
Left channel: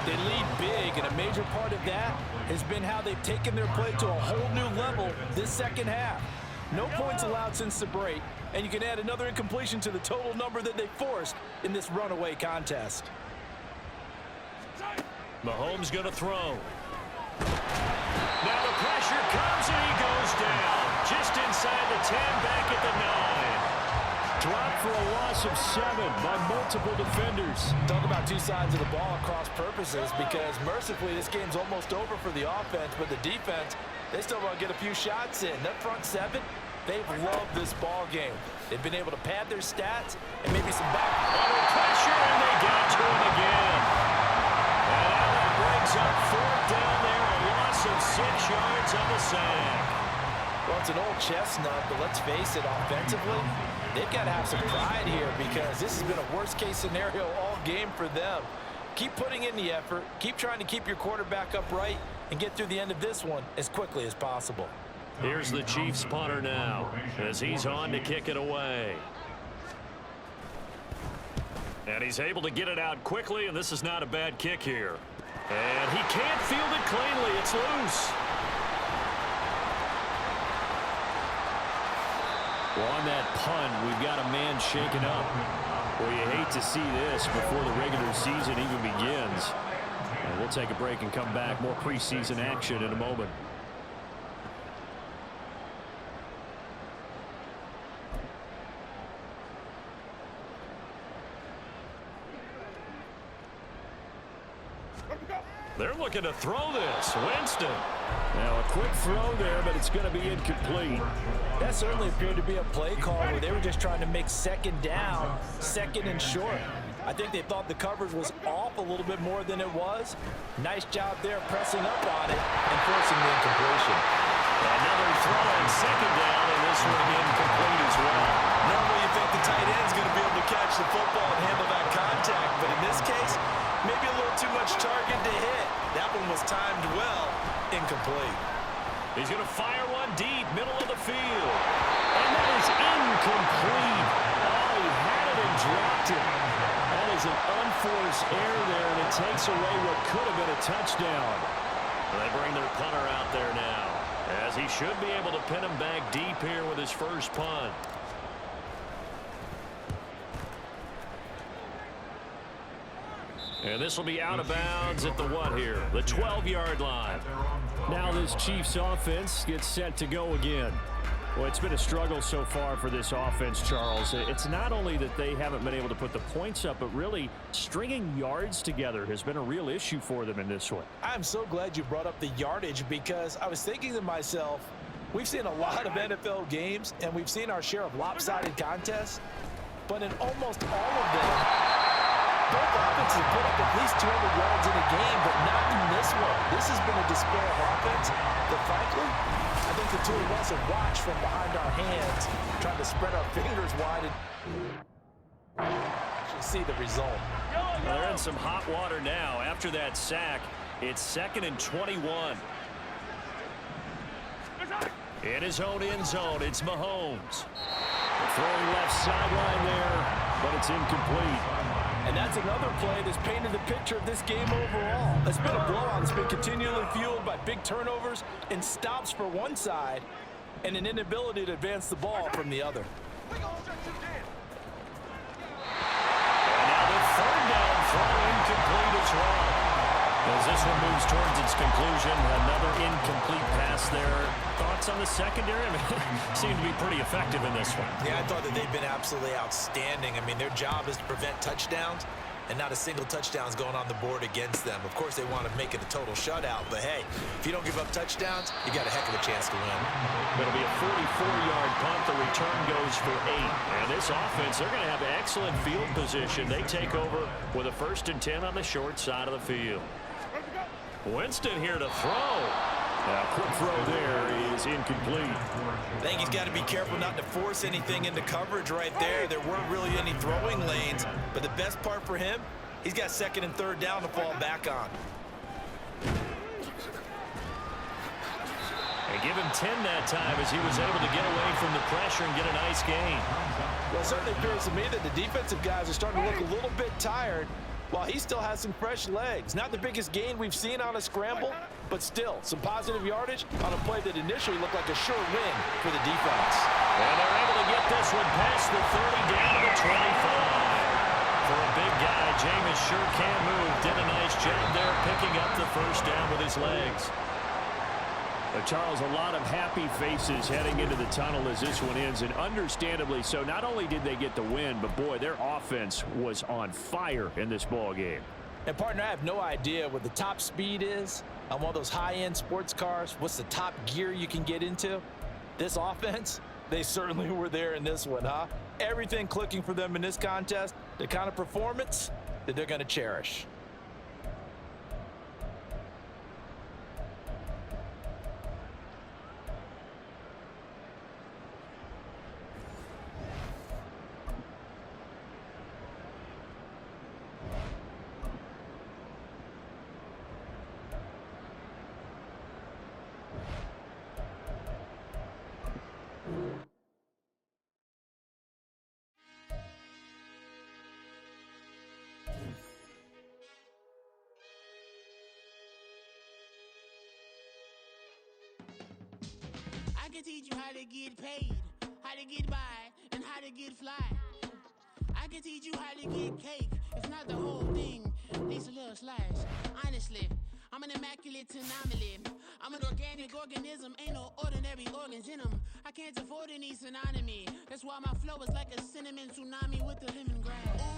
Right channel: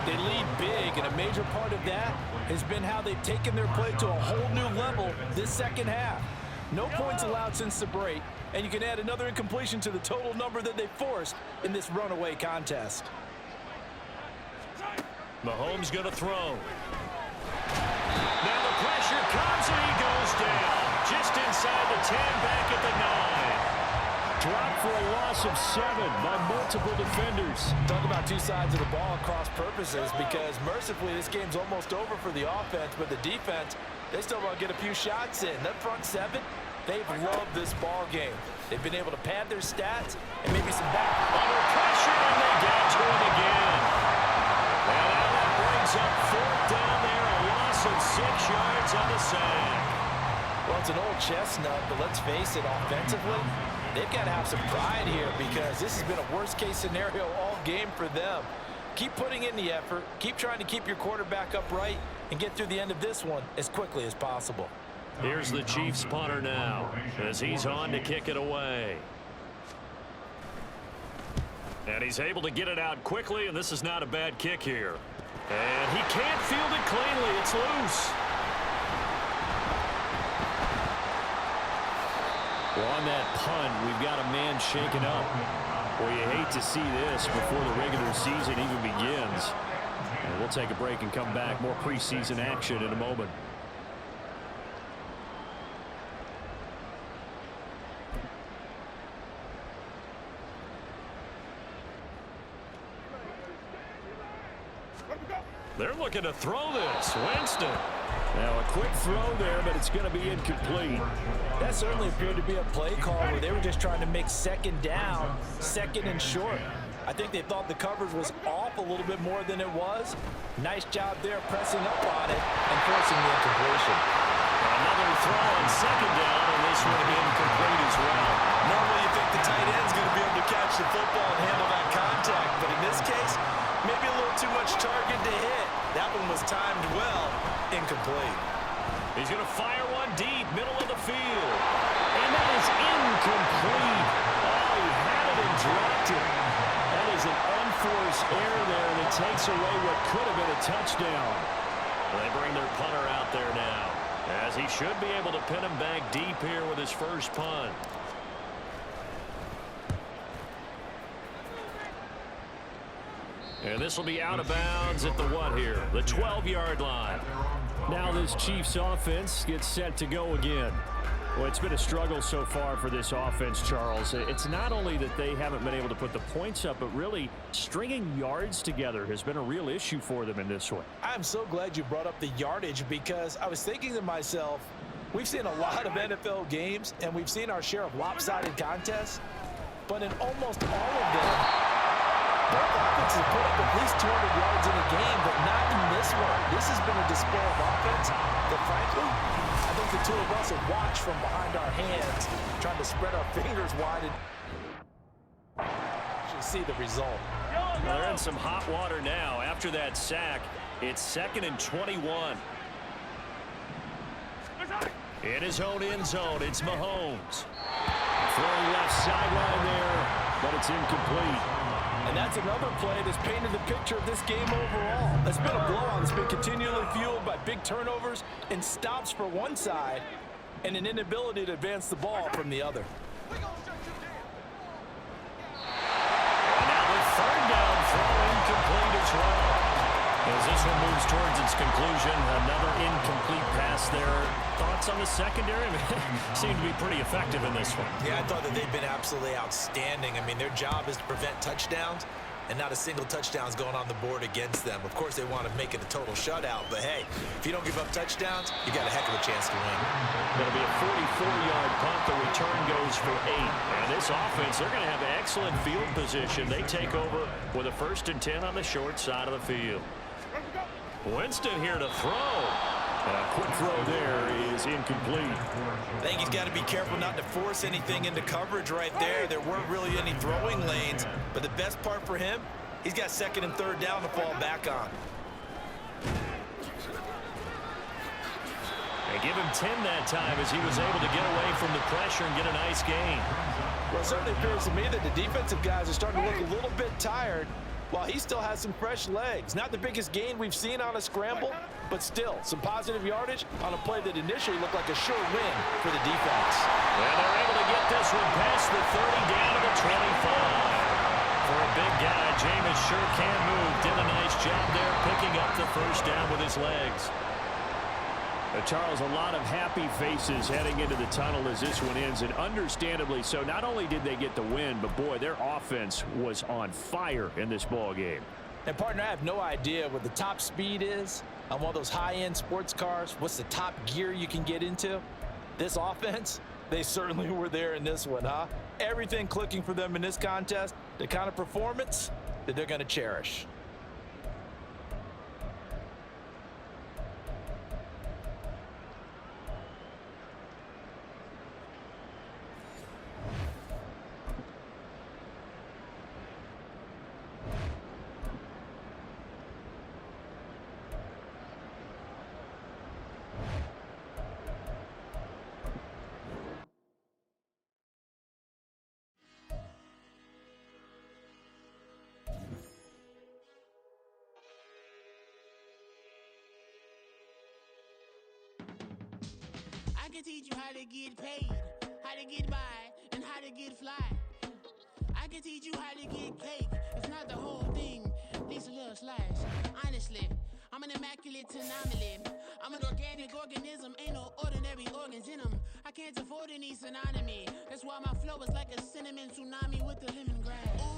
They lead big, and a major part of that has been how they've taken their play to a whole new level this 2nd half. No points allowed since the break, and you can add another incompletion to the total number that they forced in this runaway contest. Mahomes going to throw. Now the pressure comes, and he goes down. Just inside the 10, back at the 9. dropped for a loss of 7 by multiple defenders. Talk about two sides of the ball at cross purposes, because mercifully this game's almost over for the offense, but the defense, they still want to get a few shots in. That front 7, they've loved this ball game. They've been able to pad their stats and maybe some back. Under pressure, and they got to him again. And now that brings up 4th down there, a loss of 6 yards on the sack. Well, it's an old chestnut, but let's face it, offensively, they've got to have some pride here, because this has been a worst-case scenario all game for them. Keep putting in the effort. Keep trying to keep your quarterback upright and get through the end of this one as quickly as possible. Here's the Chiefs punter now as he's on to kick it away. And he's able to get it out quickly, and this is not a bad kick here. And he can't field it cleanly. It's loose. Well, on that punt, we've got a man shaken up. Well, you hate to see this before the regular season even begins. And we'll take a break and come back. More preseason action in a moment. They're looking to throw this. Winston. Now, a quick throw there, but it's going to be incomplete. That certainly appeared to be a play call where they were just trying to make 2nd down, 2nd and short. I think they thought the coverage was off a little bit more than it was. Nice job there pressing up on it and forcing the incompletion. Another throw on 2nd down, and this one incomplete as well. Normally you think the tight end's going to be able to catch the football and handle that contact, but in this case, maybe a little too much target to hit. That one was timed well. Incomplete. He's going to fire one deep, middle of the field. And that is incomplete. Oh, he had it and dropped it. That is an unforced error there, and it takes away what could have been a touchdown. They bring their punter out there now, as he should be able to pin him back deep here with his first punt. And this will be out of bounds at the what here? The 12-yard line. Now this Chiefs offense gets set to go again. Well, it's been a struggle so far for this offense, Charles. It's not only that they haven't been able to put the points up, but really stringing yards together has been a real issue for them in this one. I'm so glad you brought up the yardage, because I was thinking to myself, we've seen a lot of NFL games, and we've seen our share of lopsided contests, but in almost all of them, both offenses have put up at least 200 yards in a game, but not in this one. This has been a display of offense that, frankly, I think the two of us have watched from behind our hands, trying to spread our fingers wide and actually see the result. Well, they're in some hot water now. After that sack, it's 2nd and 21. In his own end zone, it's Mahomes. Throwing left sideline there, but it's incomplete. And that's another play that's painted the picture of this game overall. It's been a blowout that's been continually fueled by big turnovers and stops for one side and an inability to advance the ball from the other. And now the 3rd down throw incomplete as well. As this one moves towards its conclusion, another incomplete pass there. Thoughts on the secondary? I mean, seem to be pretty effective in this one. Yeah, I thought that they've been absolutely outstanding. I mean, their job is to prevent touchdowns, and not a single touchdown's going on the board against them. Of course, they want to make it a total shutout, but hey, if you don't give up touchdowns, you got a heck of a chance to win. It'll be a 44-yard punt. The return goes for 8. And this offense, they're going to have excellent field position. They take over with a 1st and 10 on the short side of the field. Winston here to throw. A quick throw there is incomplete. I think he's got to be careful not to force anything into coverage right there. There weren't really any throwing lanes, but the best part for him, he's got 2nd and 3rd down to fall back on. And give him 10 that time as he was able to get away from the pressure and get a nice gain. Well, it certainly appears to me that the defensive guys are starting to look a little bit tired, while he still has some fresh legs. Not the biggest gain we've seen on a scramble, but still some positive yardage on a play that initially looked like a sure win for the defense. And they're able to get this one past the 30 down to the 25. For a big guy, Jameis sure can move. Did a nice job there picking up the 1st down with his legs. Charles, a lot of happy faces heading into the tunnel as this one ends, and understandably so. Not only did they get the win, but boy, their offense was on fire in this ball game. And partner, I have no idea what the top speed is on one of those high-end sports cars. What's the top gear you can get into? This offense, they certainly were there in this one, huh? Everything clicking for them in this contest, the kind of performance that they're going to cherish. I can teach you how to get paid, how to get by, and how to get fly. I can teach you how to get cake, if not the whole thing, at least a little slice. Honestly, I'm an immaculate anomaly. I'm an organic organism, ain't no ordinary organs in them. I can't afford any synonymy. That's why my flow is like a cinnamon tsunami with the lemongrass.